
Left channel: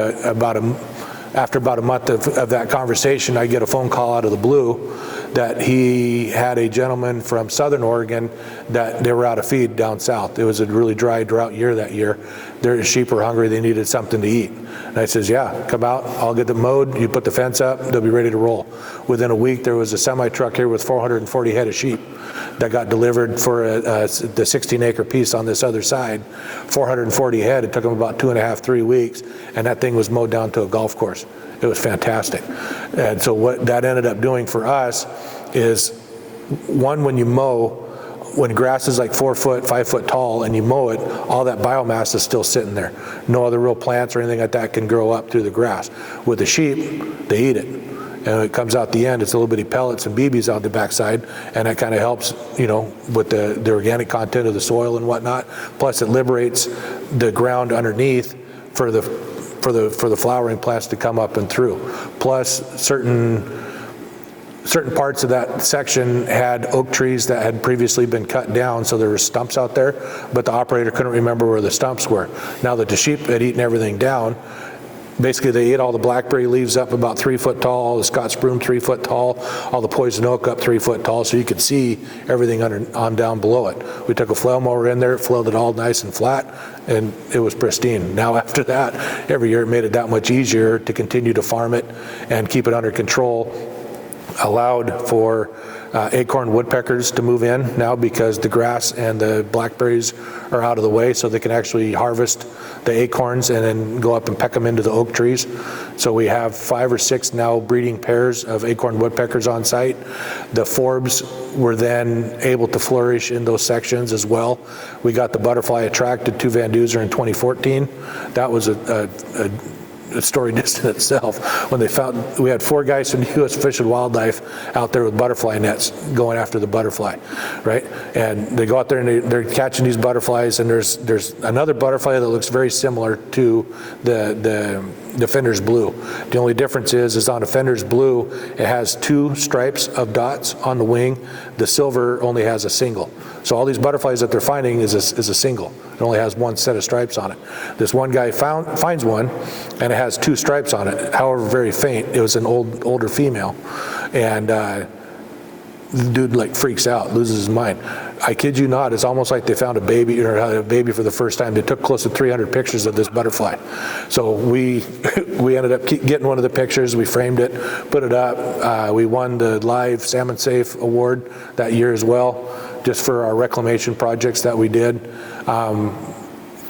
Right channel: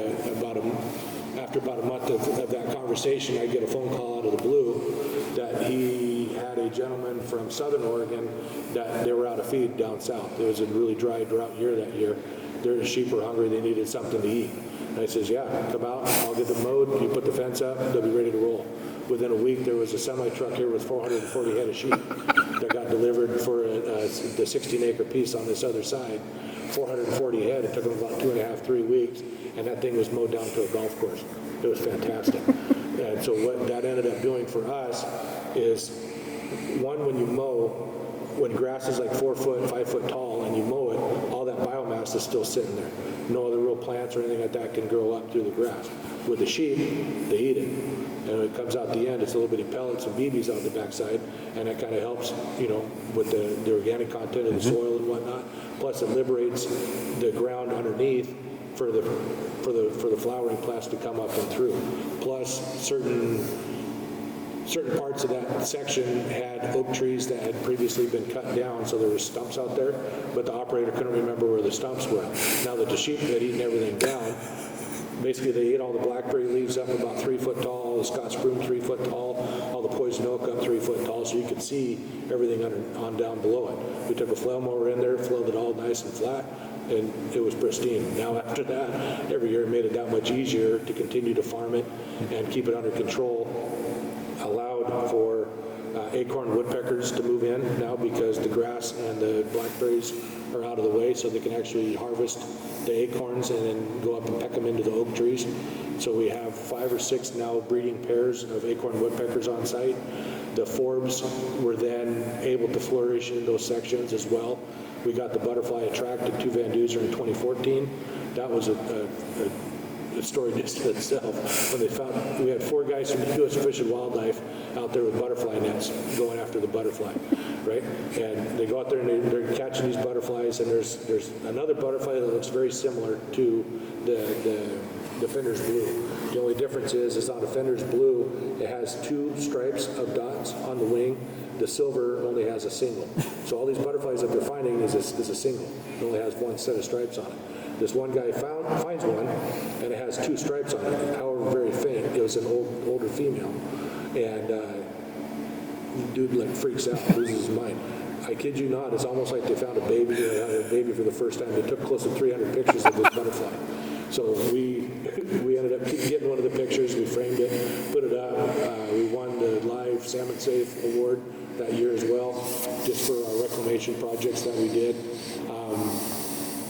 after about a month of that conversation. I get a phone call out of the blue that he had a gentleman from Southern Oregon that they were out of feed down south. It was a really dry drought year that year. Their sheep were hungry, they needed something to eat. And I says, yeah, come out, I'll get them mowed, you put the fence up, they'll be ready to roll. Within a week, there was a semi-truck here with 440 head of sheep that got delivered for the 16-acre piece on this other side. 440 head, it took them about 2.5, 3 weeks, and that thing was mowed down to a golf course. It was fantastic. And so what that ended up doing for us is, one, when you mow, when grass is like 4 foot, 5 foot tall and you mow it, all that biomass is still sitting there. No other real plants or anything like that can grow up through the grass. With the sheep, they eat it. And when it comes out the end, it's a little bitty pellets and BBs out the backside, and that kind of helps, with the organic content of the soil and whatnot. Plus, it liberates the ground underneath for the flowering plants to come up and through. Plus, certain parts of that section had oak trees that had previously been cut down, so there were stumps out there, but the operator couldn't remember where the stumps were. Now that the sheep had eaten everything down, basically they ate all the blackberry leaves up about 3 foot tall, all the Scotch broom 3 foot tall, all the poison oak up 3 foot tall, so you could see everything on down below it. We took a flail mower in there, flailed it all nice and flat, and it was pristine. Now after that, every year it made it that much easier to continue to farm it and keep it under control. Allowed for acorn woodpeckers to move in now because the grass and the blackberries are out of the way, so they can actually harvest the acorns and then go up and peck them into the oak trees. So we have 5 or 6 now breeding pairs of acorn woodpeckers on site. The forbs were then able to flourish in those sections as well. We got the butterfly attracted to Van Duzer in 2014. That was a story just in itself. When they found, we had 4 guys from the U.S. Fish and Wildlife out there with butterfly nets going after the butterfly, right? And they go out there and they're catching these butterflies, and there's another butterfly that looks very similar to the Fenders blue. The only difference is on a Fenders blue, it has 2 stripes of dots on the wing. The silver only has a single. So all these butterflies that they're finding is a single. It only has 1 set of stripes on it. This one guy finds one, and it has 2 stripes on it, however very faint. It was an older female, and the dude like freaks out, loses his mind. I kid you not, it's almost like they found a baby for the first time. They took close to 300 pictures of this butterfly. So we ended up getting one of the pictures, we framed it, put it up. We won the Live Salmon Safe Award that year as well, just for our reclamation projects that we did.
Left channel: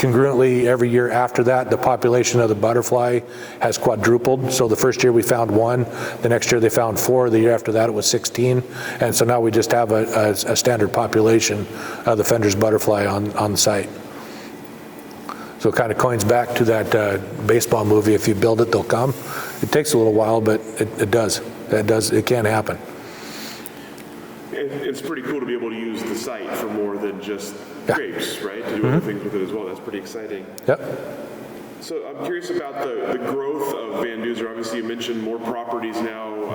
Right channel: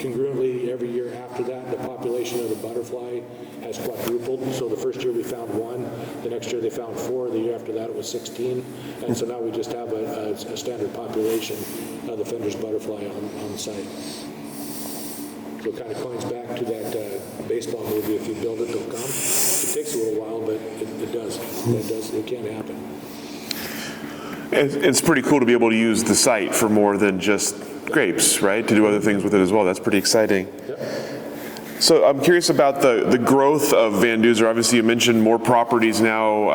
congruently, every year after that, the population of the butterfly has quadrupled. So the first year we found 1, the next year they found 4, the year after that it was 16. And so now we just have a standard population of the Fenders butterfly on the site. So it kind of coins back to that baseball movie, if you build it, they'll come. It takes a little while, but it does. It can happen. It's pretty cool to be able to use the site for more than just grapes, right? To do other things with it as well. That's pretty exciting. Yep. So I'm curious about the growth of Van Duzer. Obviously, you mentioned more properties now,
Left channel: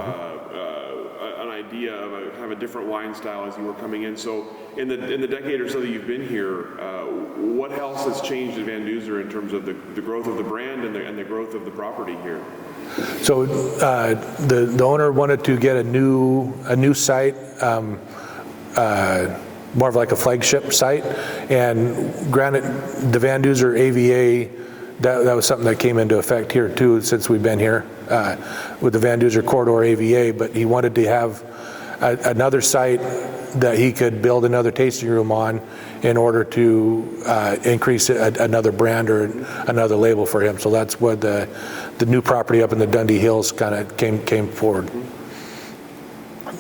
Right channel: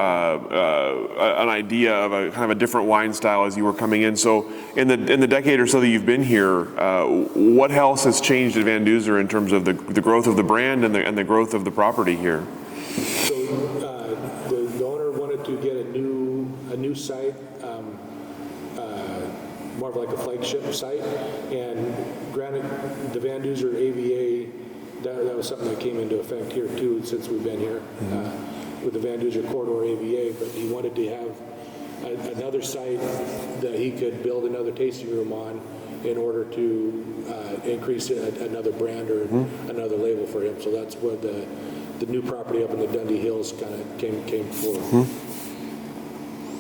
an idea of a kind of a different wine style as you were coming in. So in the decade or so that you've been here, what else has changed at Van Duzer in terms of the growth of the brand and the growth of the property here? So the owner wanted to get a new site, more of like a flagship site, and granted, the Van Duzer AVA, that was something that came into effect here too since we've been here with the Van Duzer Corridor AVA, but he wanted to have another site that he could build another tasting room on in order to increase another brand or another label for him. So that's what the new property up in the Dundee Hills kind of came forward.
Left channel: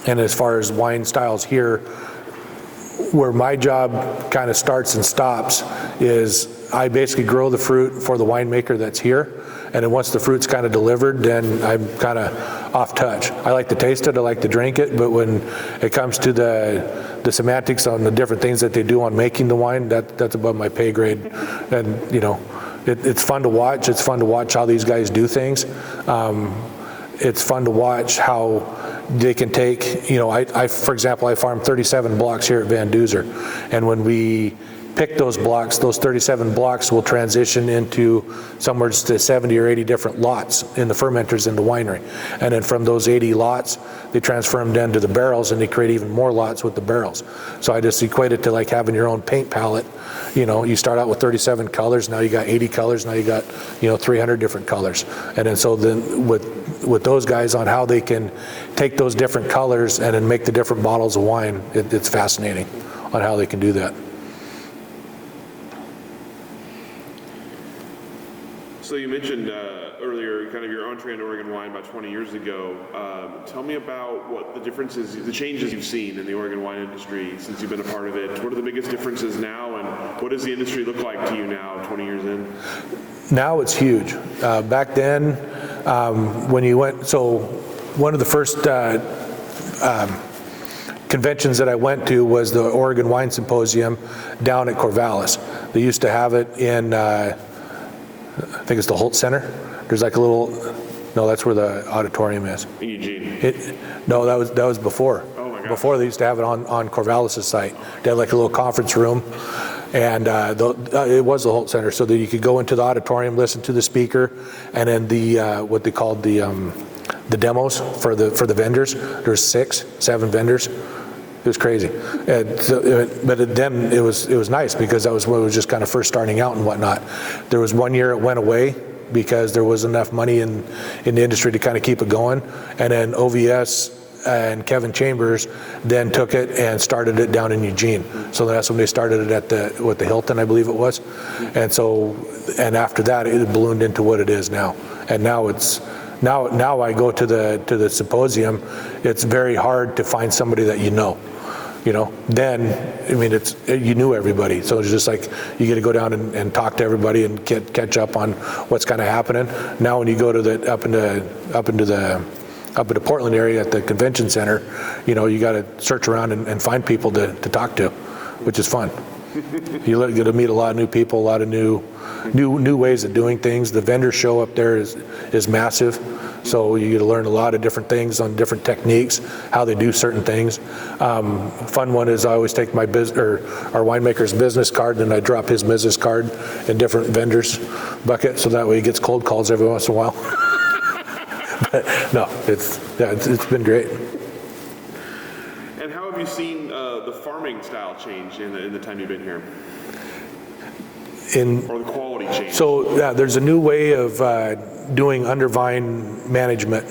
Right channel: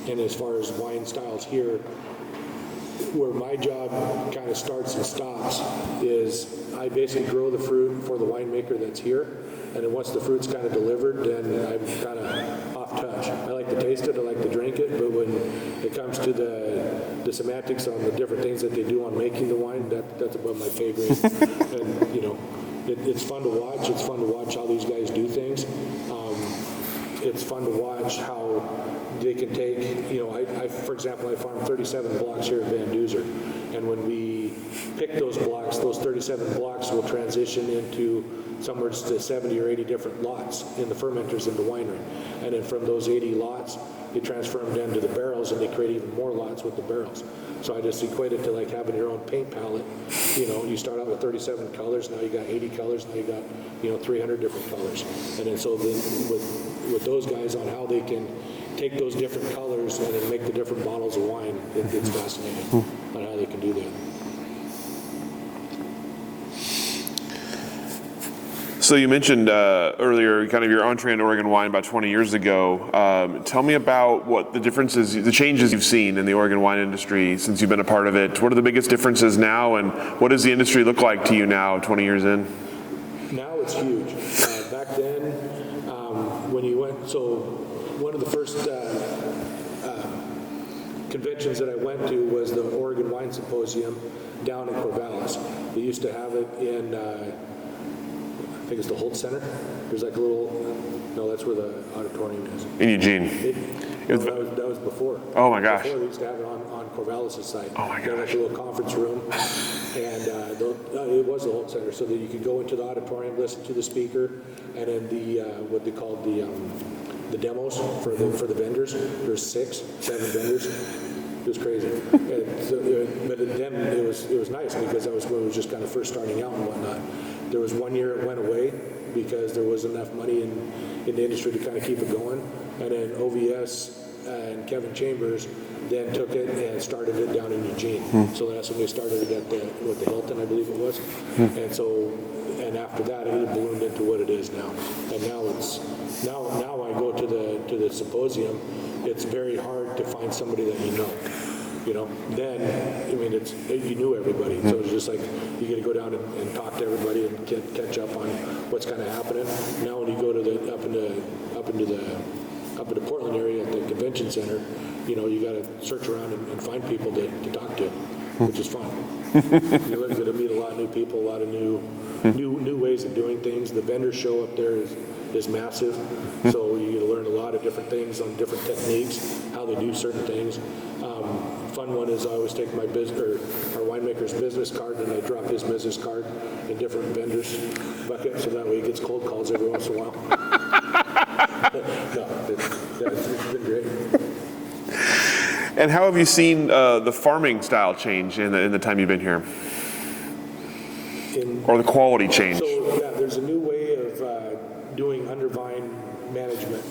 And as far as wine styles here, where my job kind of starts and stops is I basically grow the fruit for the winemaker that's here, and then once the fruit's kind of delivered, then I'm kind of off touch. I like to taste it, I like to drink it, but when it comes to the semantics on the different things that they do on making the wine, that's above my pay grade. And you know, it's fun to watch. It's fun to watch how these guys do things. It's fun to watch how they can take, you know, for example, I farm 37 blocks here at Van Duzer, and when we pick those blocks, those 37 blocks will transition into somewhere to 70 or 80 different lots in the fermenters in the winery. And then from those 80 lots, they transfer them down to the barrels, and they create even more lots with the barrels. So I just equate it to like having your own paint palette. You know, you start out with 37 colors, now you got 80 colors, now you got, you know, 300 different colors. And then so then with those guys on how they can take those different colors and then make the different bottles of wine, it's fascinating on how they can do that. So you mentioned earlier kind of your entree into Oregon wine about 20 years ago. Tell me about what the differences, the changes you've seen in the Oregon wine industry since you've been a part of it. What are the biggest differences now, and what does the industry look like to you now, 20 years in? Now it's huge. Back then, when you went, so one of the first conventions that I went to was the Oregon Wine Symposium down at Corvallis. They used to have it in I think it's the Holt Center. There's like a little, no, that's where the auditorium is. In Eugene? No, that was before. Oh my gosh. Before they used to have it on Corvallis' site. Oh They had like a little conference room, and it was the Holt Center, so that you could go into the auditorium, listen to the speaker, and then the what they called the demos for the vendors. There's 6, 7 vendors. It was crazy, and so, but then it was nice because that was when it was just kind of first starting out and whatnot. There was one year it went away because there was enough money in the industry to kind of keep it going, and then OVS and Kevin Chambers then took it and started it down in Eugene. So that's when they started it at the Hilton, I believe it was, and so after that it ballooned into what it is now, and now it's. Now I go to the symposium, it's very hard to find somebody that you know. You know, then, I mean, you knew everybody, so it's just like you get to go down and talk to everybody and catch up on what's kind of happening. Now when you go to up into the Portland area at the convention center, you know, you got to search around and find people to talk to, which is fun. You get to meet a lot of new people, a lot of new ways of doing things. The vendor show up there is massive, so you get to learn a lot of different things on different techniques, how they do certain things. Fun one is I always take my our winemaker's business card, and I drop his business card in different vendors' bucket, so that way he gets cold calls every once in a while. But no, it's been great. And how have you seen the farming style change in the time you've been here? Or the quality change? So yeah, there's a new way of doing undervine management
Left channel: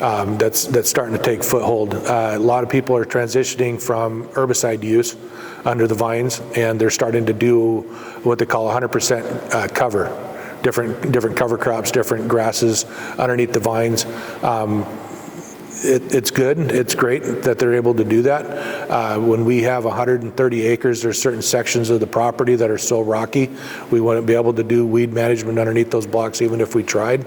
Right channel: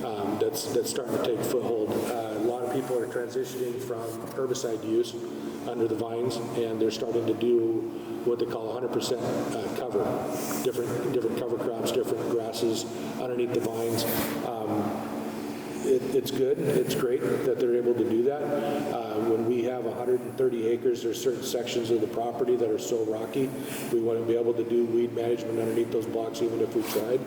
that's starting to take foothold. A lot of people are transitioning from herbicide use under the vines, and they're starting to do what they call 100% cover, different cover crops, different grasses underneath the vines. It's good, it's great that they're able to do that. When we have 130 acres, there's certain sections of the property that are so rocky, we wouldn't be able to do weed management underneath those blocks even if we tried.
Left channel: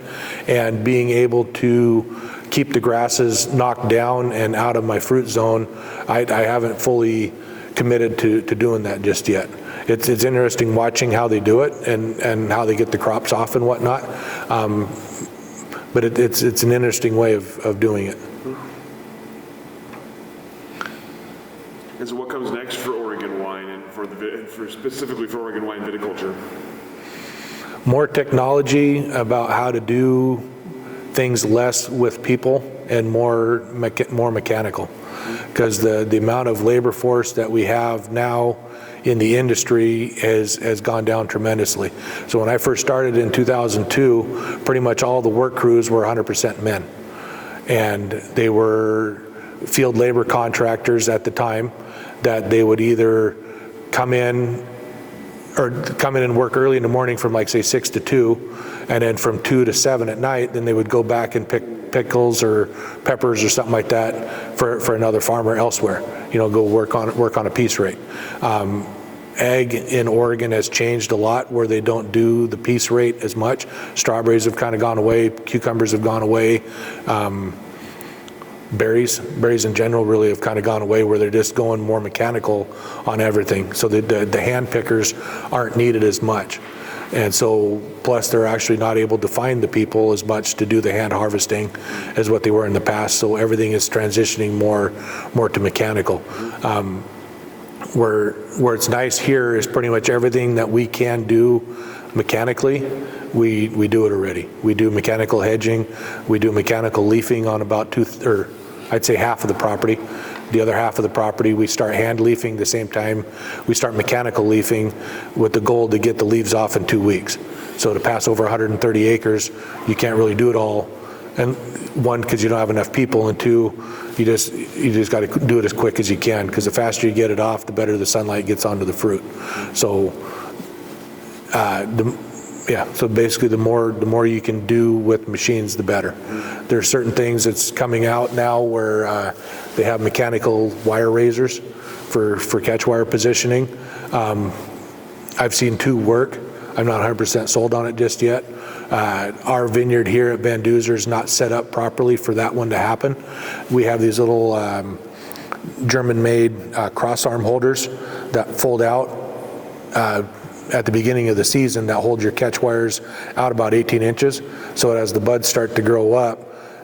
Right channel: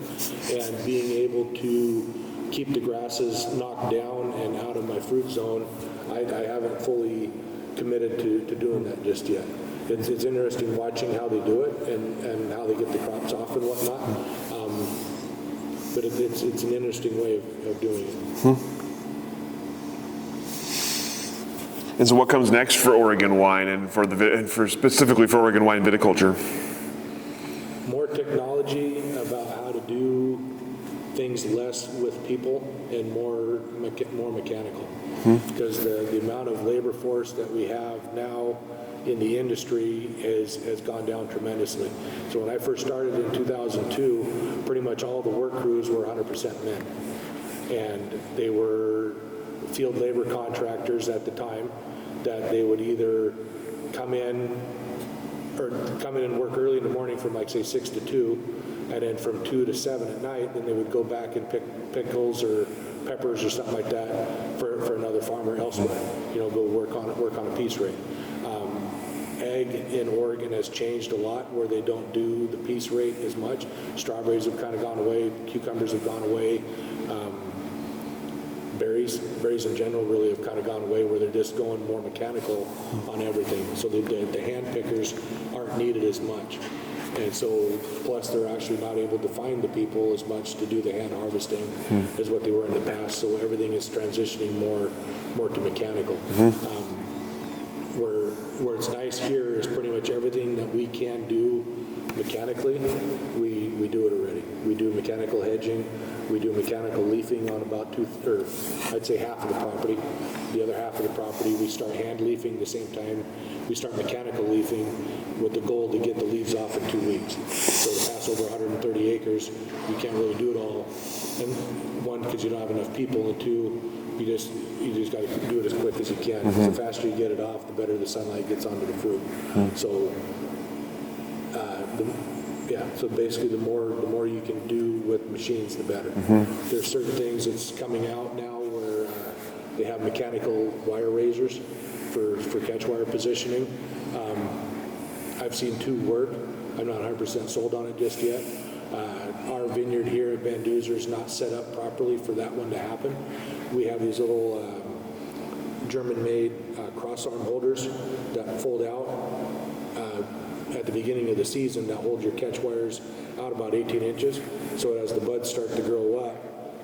And being able to keep the grasses knocked down and out of my fruit zone, I haven't fully committed to doing that just yet. It's interesting watching how they do it and how they get the crops off and whatnot. But it's an interesting way of doing it. And so what comes next for Oregon wine and for specifically for Oregon wine viticulture? More technology about how to do things less with people and more mechanical. Because the amount of labor force that we have now in the industry has gone down tremendously. So when I first started in 2002, pretty much all the work crews were 100% men. And they were field labor contractors at the time that they would either come in and work early in the morning from like say 6 to 2, and then from 2 to 7 at night, then they would go back and pick pickles or peppers or something like that for another farmer elsewhere, go work on a piece rate. Ag in Oregon has changed a lot where they don't do the piece rate as much. Strawberries have kind of gone away, cucumbers have gone away. Berries in general really have kind of gone away where they're just going more mechanical on everything. So the hand pickers aren't needed as much. And so, plus they're actually not able to find the people as much to do the hand harvesting as what they were in the past. So everything is transitioning more to mechanical. Where it's nice here is pretty much everything that we can do mechanically, we do it already. We do mechanical hedging, we do mechanical leafing on about I'd say half of the property. The other half of the property, we start hand leafing the same time we start mechanical leafing with the goal to get the leaves off in 2 weeks. So to pass over 130 acres, you can't really do it all. And one, because you don't have enough people, and two, you just got to do it as quick as you can, because the faster you get it off, the better the sunlight gets onto the fruit. So, so basically the more you can do with machines, the better. There are certain things that's coming out now where they have mechanical wire raisers for catch wire positioning. I've seen 2 work. I'm not 100% sold on it just yet. Our vineyard here at Van Duzer is not set up properly for that one to happen. We have these little German-made cross arm holders that fold out at the beginning of the season that hold your catch wires out about 18 inches. So as the buds start to grow up,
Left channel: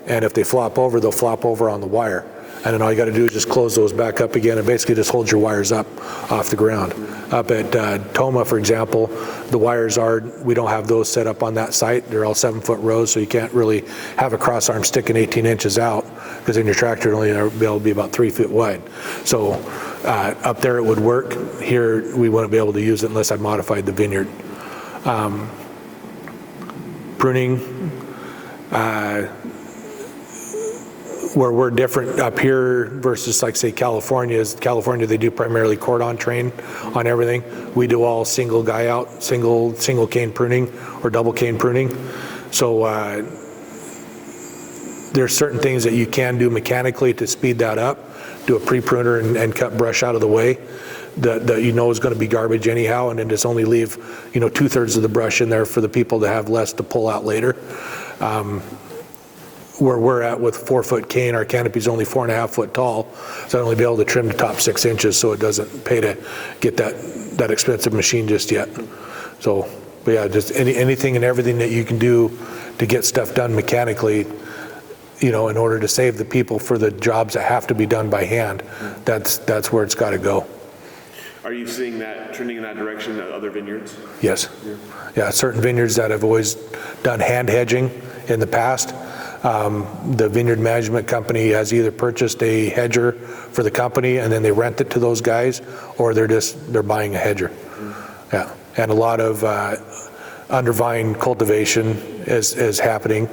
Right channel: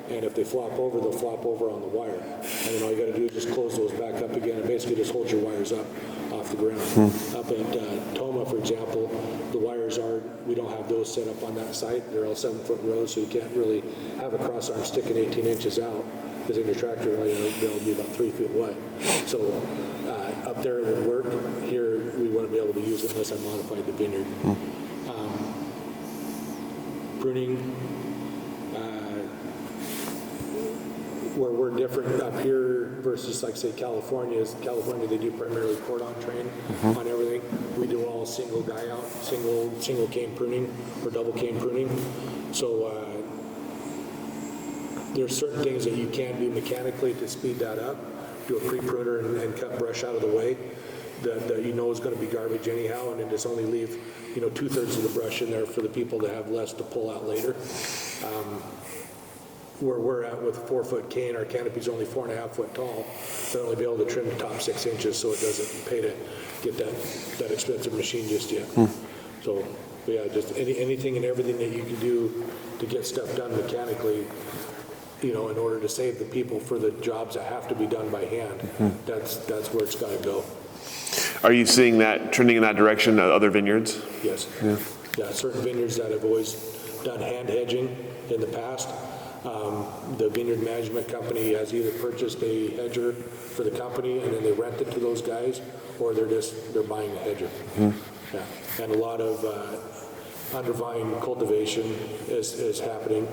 and if they flop over, they'll flop over on the wire. And then all you got to do is just close those back up again and basically just hold your wires up off the ground. Up at Toma, for example, the wires we don't have those set up on that site. They're all 7-foot rows, so you can't really have a cross arm sticking 18 inches out, because then your tractor will only be able to be about 3 feet wide. So up there it would work. Here we wouldn't be able to use it unless I modified the vineyard. Pruning. Where we're different up here versus like say California they do primarily cordon train on everything. We do all single guy out, single cane pruning or double cane pruning. So there's certain things that you can do mechanically to speed that up. Do a pre-pruner and cut brush out of the way that is going to be garbage anyhow, and then just only leave 2/3 of the brush in there for the people to have less to pull out later. Where we're at with 4-foot cane, our canopy is only 4.5 foot tall, so I'd only be able to trim the top 6 inches, so it doesn't pay to get that expensive machine just yet. So, but yeah, just anything and everything that you can do to get stuff done mechanically, in order to save the people for the jobs that have to be done by hand, that's where it's got to go. Are you seeing that trending in that direction at other vineyards? Yes. Yeah, certain vineyards that have always done hand hedging in the past. The vineyard management company has either purchased a hedger for the company and then they rent it to those guys, or they're buying a hedger. Yeah, and a lot of under vine cultivation is happening,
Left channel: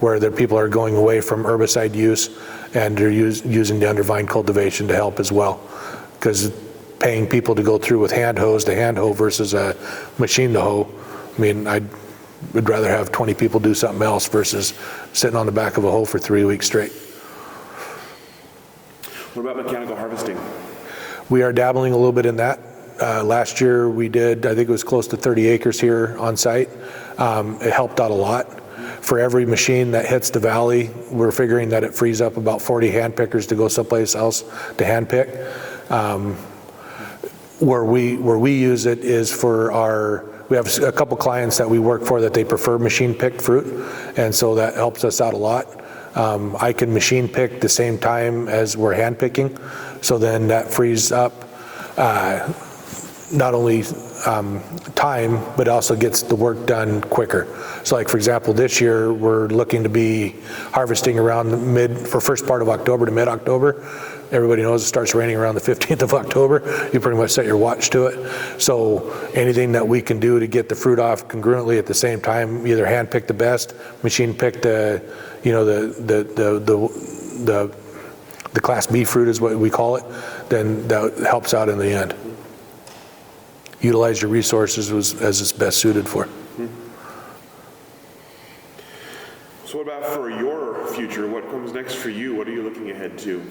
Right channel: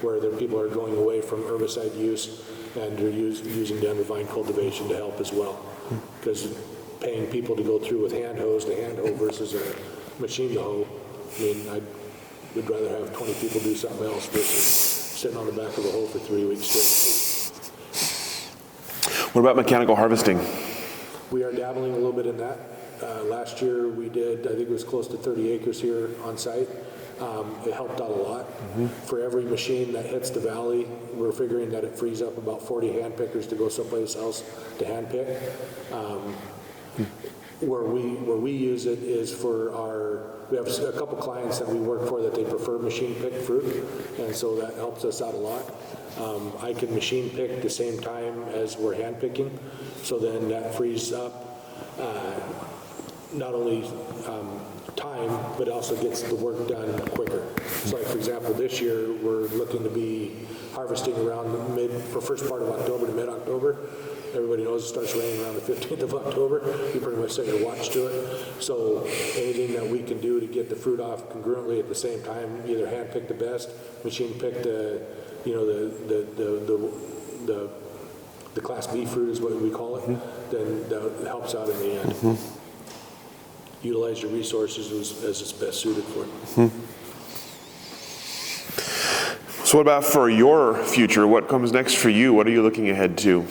where the people are going away from herbicide use, and they're using the under vine cultivation to help as well. Because paying people to go through with hand hose to hand hoe versus a machine to hoe, I mean, I would rather have 20 people do something else versus sitting on the back of a hoe for 3 weeks straight. What about mechanical harvesting? We are dabbling a little bit in that. Last year we did, I think it was close to 30 acres here on site. It helped out a lot. For every machine that hits the valley, we're figuring that it frees up about 40 hand pickers to go someplace else to hand pick. Where we use it is for we have a couple clients that we work for that they prefer machine picked fruit, and so that helps us out a lot. I can machine pick the same time as we're hand picking, so then that frees up not only time, but also gets the work done quicker. So like for example, this year we're looking to be harvesting around for first part of October to mid-October. Everybody knows it starts raining around the 15th of October. You pretty much set your watch to it. So anything that we can do to get the fruit off congruently at the same time, either hand pick the best, machine pick the Class B fruit is what we call it, then that helps out in the end. Utilize your resources as it's best suited for. So what about for your future? What comes next for you? What are you looking ahead to?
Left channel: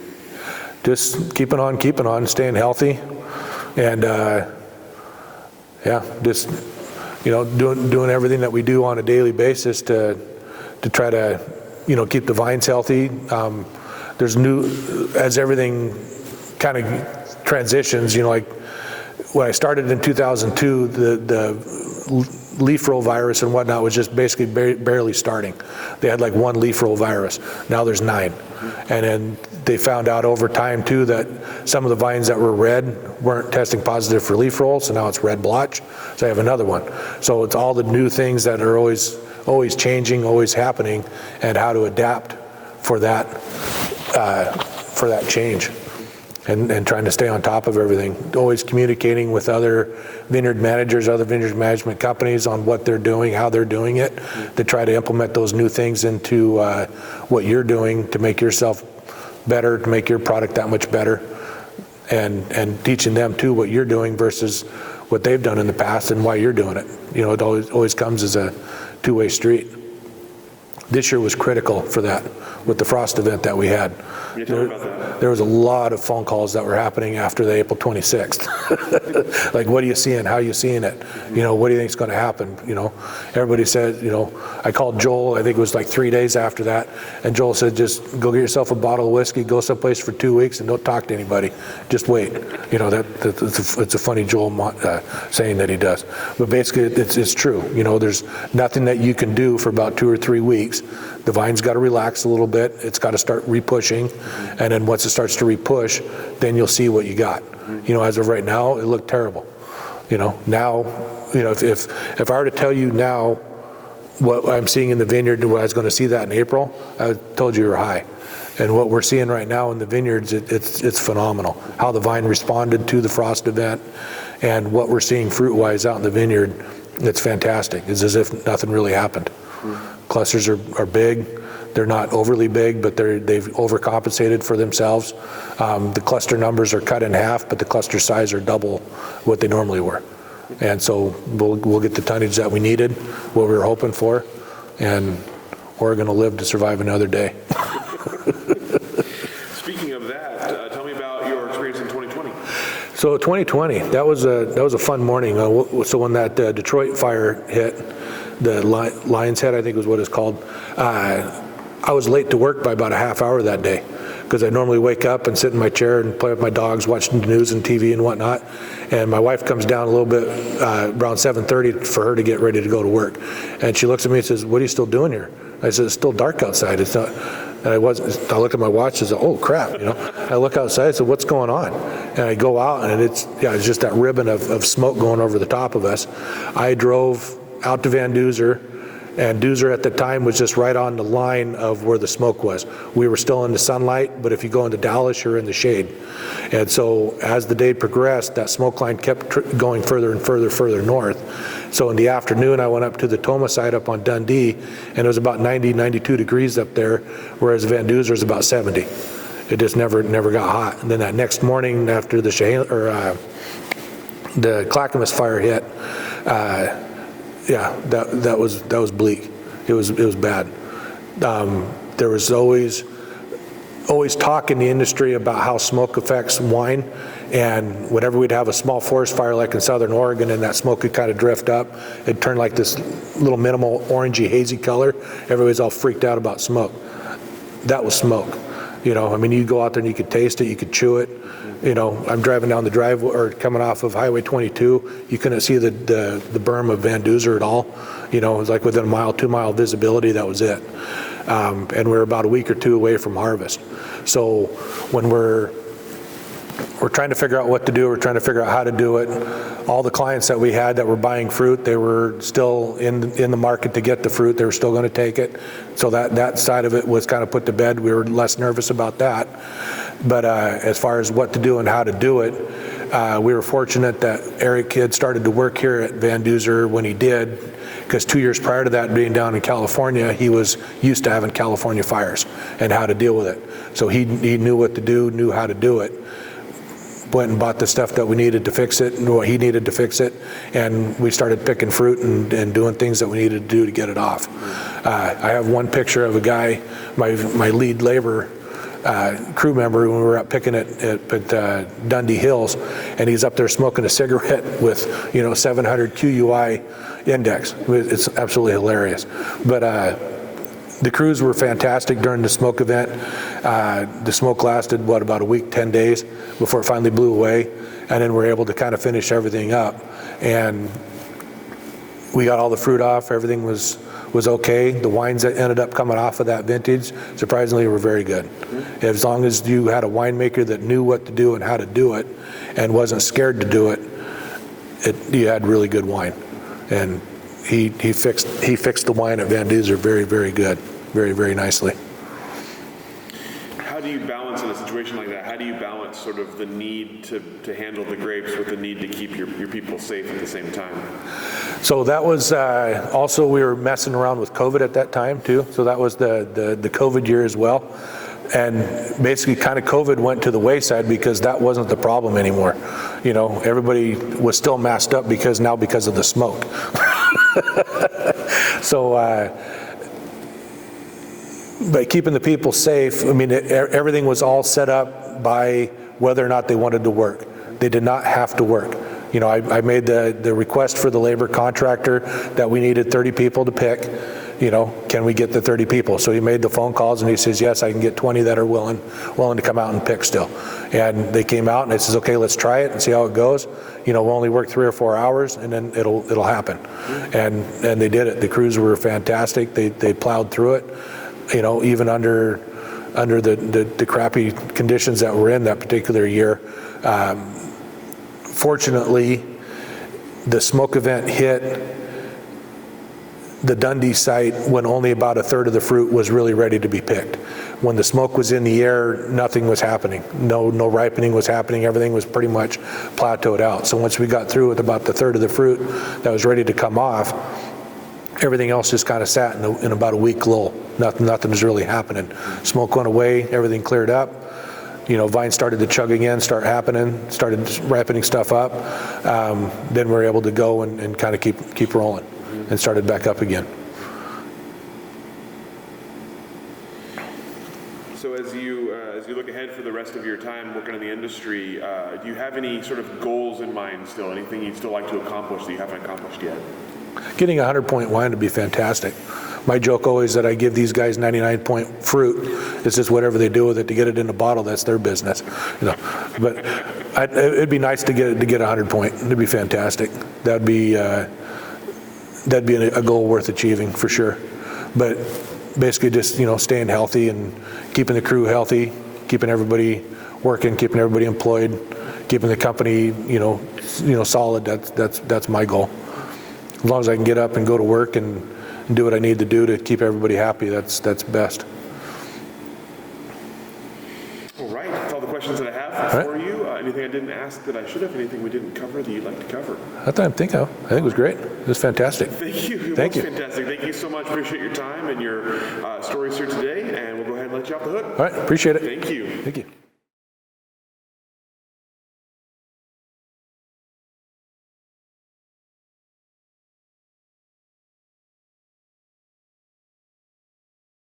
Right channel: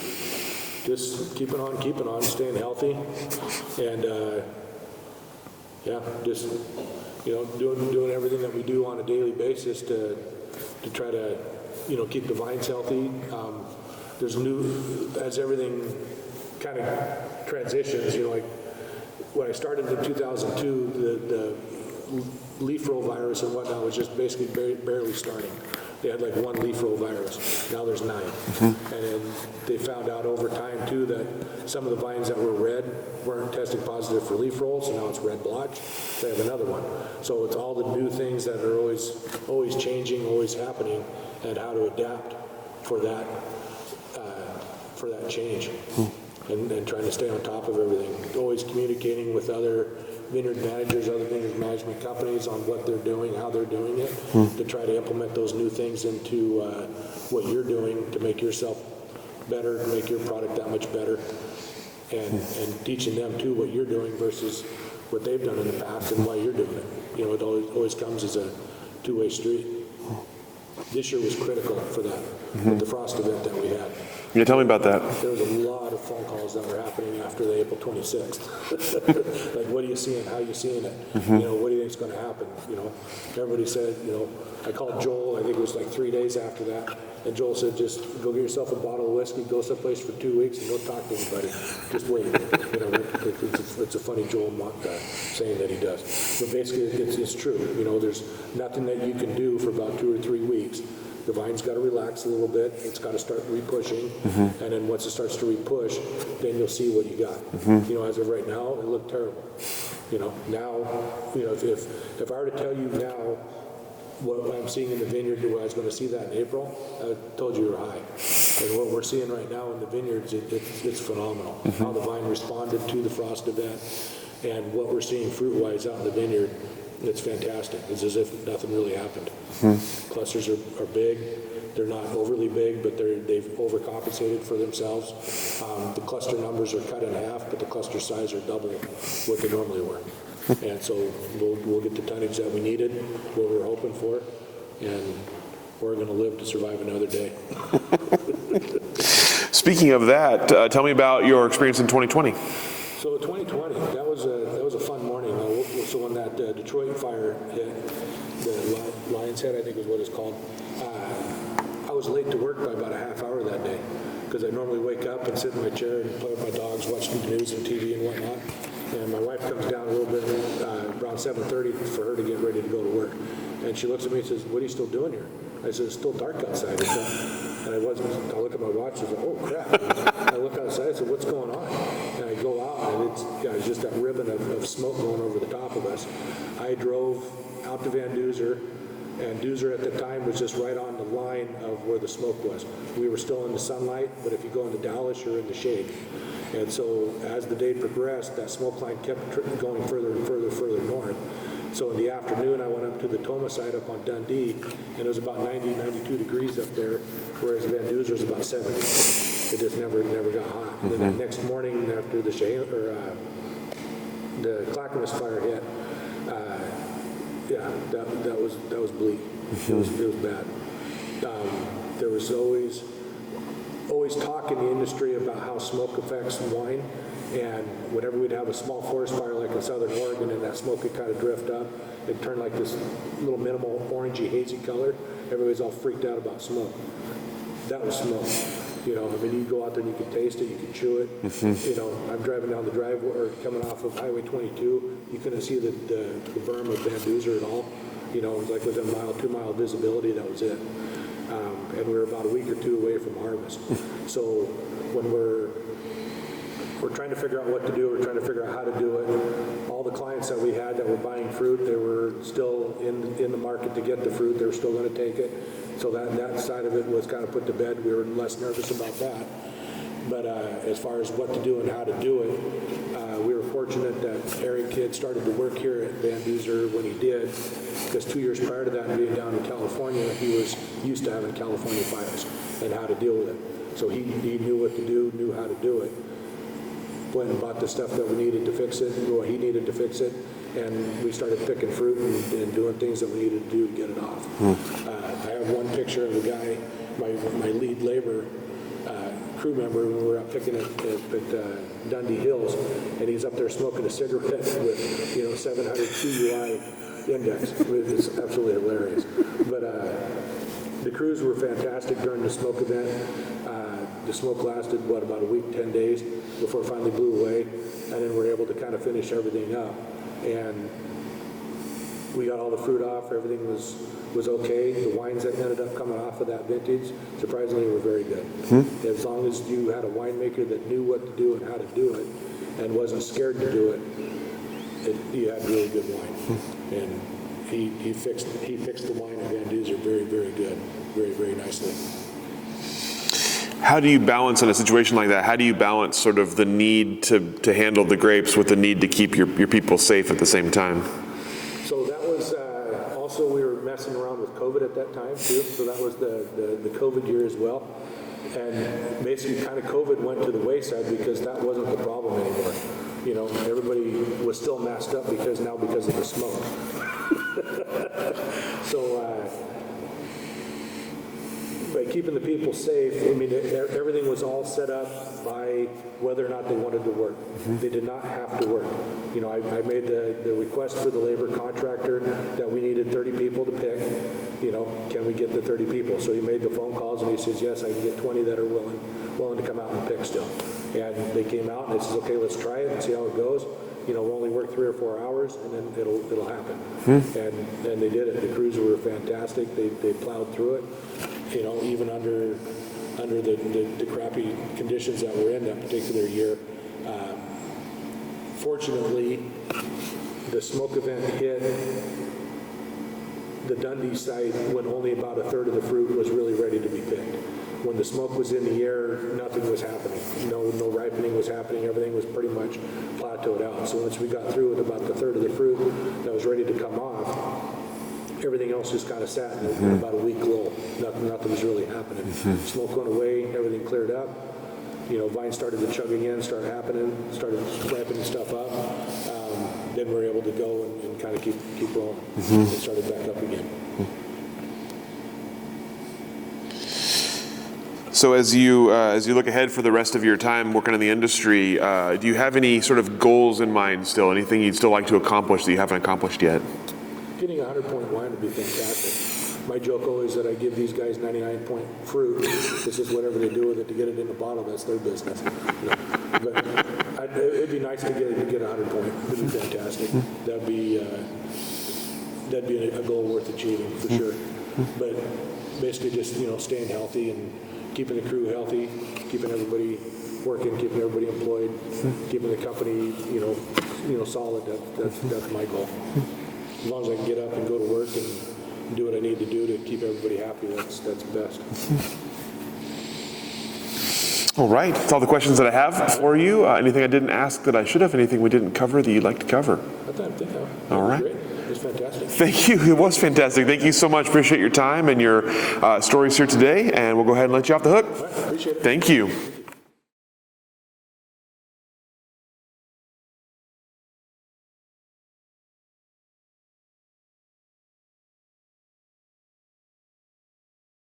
Just keeping on, staying healthy, and just doing everything that we do on a daily basis to try to keep the vines healthy. There's as everything kind of transitions, like when I started in 2002, the leaf roll virus and whatnot was just basically barely starting. They had like one leaf roll virus. Now there's 9. And then they found out over time too that some of the vines that were red weren't testing positive for leaf roll, so now it's red blotch. So I have another one. So it's all the new things that are always changing, always happening, and how to adapt for that change. And trying to stay on top of everything. Always communicating with other vineyard managers, other vineyard management companies on what they're doing, how they're doing it, to try to implement those new things into what you're doing to make yourself better, to make your product that much better, and teaching them too what you're doing versus what they've done in the past and why you're doing it. It always comes as a two-way street. This year was critical for that with the frost event that we had. Yeah, tell me about that. There was a lot of phone calls that were happening after the April 26th. Like, what are you seeing? How are you seeing it? What do you think is going to happen? Everybody said, I called Joel, I think it was like 3 days after that, and Joel said, just go get yourself a bottle of whiskey, go someplace for 2 weeks, and don't talk to anybody. Just wait. It's a funny Joel saying that he does. But basically, it's true. There's nothing that you can do for about 2 or 3 weeks. The vine's got to relax a little bit. It's got to start repushing, and then once it starts to repush, then you'll see what you got. As of right now, it looked terrible. Now, if I were to tell you now what I'm seeing in the vineyard and what I was going to see that in April, I told you were high. And what we're seeing right now in the vineyards, it's phenomenal. How the vine responded to the frost event, and what we're seeing fruit-wise out in the vineyard, it's fantastic. It's as if nothing really happened. Clusters are big. They're not overly big, but they've overcompensated for themselves. The cluster numbers are cut in half, but the cluster size are double what they normally were. And so we'll get the tonnage that we needed, what we were hoping for, and we're going to live to survive another day. Speaking of that, tell me about your experience in 2020. So 2020, that was a fun morning. So when that Detroit fire hit, the Lion's Head, I think was what it's called, I was late to work by about a half hour that day, because I normally wake up and sit in my chair and play with my dogs, watching the news and TV and whatnot. And my wife comes down a little bit around 7:30 for her to get ready to go to work. And she looks at me and says, "What are you still doing here?" I said, "It's still dark outside." It's not. And I look at my watch and said, "Oh crap!" I look outside. I said, "What's going on?" And I go out, and it's just that ribbon of smoke going over the top of us. I drove out to Van Duzer, and Duzer at the time was just right on the line of where the smoke was. We were still in the sunlight, but if you go into Dallas, you're in the shade. And so as the day progressed, that smoke line kept going further and further north. So in the afternoon, I went up to the Toma site up on Dundee, and it was about 90, 92 degrees up there, whereas Van Duzer is about 70. It just never got hot. And then that next morning after the Clackamas fire hit, yeah, that was bleak. It was bad. There was always talk in the industry about how smoke affects wine, and whenever we'd have a small forest fire like in Southern Oregon and that smoke would kind of drift up, it turned like this little minimal orangey hazy color. Everybody's all freaked out about smoke. That was smoke. You know, I mean, you go out there and you could taste it, you could chew it. You know, I'm driving down the driveway or coming off of Highway 22, you couldn't see the berm of Van Duzer at all. You know, it was like within a mile, 2 mile visibility, that was it. And we're about a week or two away from harvest. So when we're trying to figure out what to do, we're trying to figure out how to do it. All the clients that we had that were buying fruit, they were still in the market to get the fruit. They were still going to take it. So that side of it was kind of put to bed. We were less nervous about that. But as far as what to do and how to do it, we were fortunate that Eric had started to work here at Van Duzer when he did, because 2 years prior to that, being down in California, he was used to having California fires and how to deal with it. So he knew what to do, knew how to do it. Went and bought the stuff that we needed to fix it and what he needed to fix it, and we started picking fruit and doing things that we needed to do to get it off. I have one picture of a guy, my lead labor crew member, when we were out picking it at Dundee Hills, and he's up there smoking a cigarette with 700 QUI index. It's absolutely hilarious. But the crews were fantastic during the smoke event. The smoke lasted, about a week, 10 days before it finally blew away. And then we're able to kind of finish everything up. And we got all the fruit off. Everything was okay. The wines that ended up coming off of that vintage, surprisingly, were very good. As long as you had a winemaker that knew what to do and how to do it and wasn't scared to do it, you had really good wine. And he fixed the wine at Van Duzer very, very good, very, very nicely. How do you balance in a situation like that? How do you balance sort of the need to handle the grapes with the need to keep your people safe at the same time? So that was also, we were messing around with COVID at that time too. So that was the COVID year as well. And basically kind of COVID went to the wayside because that wasn't the problem anymore. You know, everybody was still masked up because of the smoke. So, but keeping the people safe, I mean, everything was all set up by whether or not they wanted to work. They did not have to work. You know, I made the request for the labor contractor that we needed 30 people to pick. You know, can we get the 30 people? So he made the phone calls and he says, yes, I can get 20 that are willing to come out and pick still. And they came out and it says, okay, let's try it and see how it goes. You know, we'll only work 3 or 4 hours and then it'll happen. And they did it. The crews were fantastic. They plowed through it. You know, even under the crappy conditions that were in that particular year. Fortunately, the smoke event hit the Dundee site when only about 1/3 of the fruit was really ready to be picked. When the smoke was in the air, nothing was happening. No ripening was happening. Everything was pretty much plateaued out. So once we got through with about 1/3 of the fruit that was ready to come off, everything else just kind of sat in about a week lull. Nothing was really happening. Smoke went away, everything cleared up. You know, vines started to chug again, started ripening stuff up. Then we were able to go and kind of keep rolling and started back up again. So as you look ahead for the rest of your time working in the industry, do you have any sort of goals in mind still? Anything you'd still like to accomplish that you haven't accomplished yet? Getting a 100-point wine would be fantastic. My joke always that I give these guys 99-point fruit. It's just whatever they do with it to get it in a bottle, that's their business. You know, but it'd be nice to get a 100-point. It'd be fantastic. That'd be a goal worth achieving for sure. But basically, just staying healthy and keeping the crew healthy, keeping everybody working, keeping everybody employed, keeping the company solid. That's my goal. As long as I can get up and go to work and do what I need to do to keep everybody happy, that's best. All right, that's all the questions that I have for you. Anything I didn't ask that I should have? Anything we didn't cover that you'd like to cover? Not that I think of. I think it was great. It was fantastic. Thank you. It was fantastic. Thank you so much. Appreciate your time and your stories here today. And we'll go ahead and let you off the hook. All right, appreciate it. Thank you. Thank you.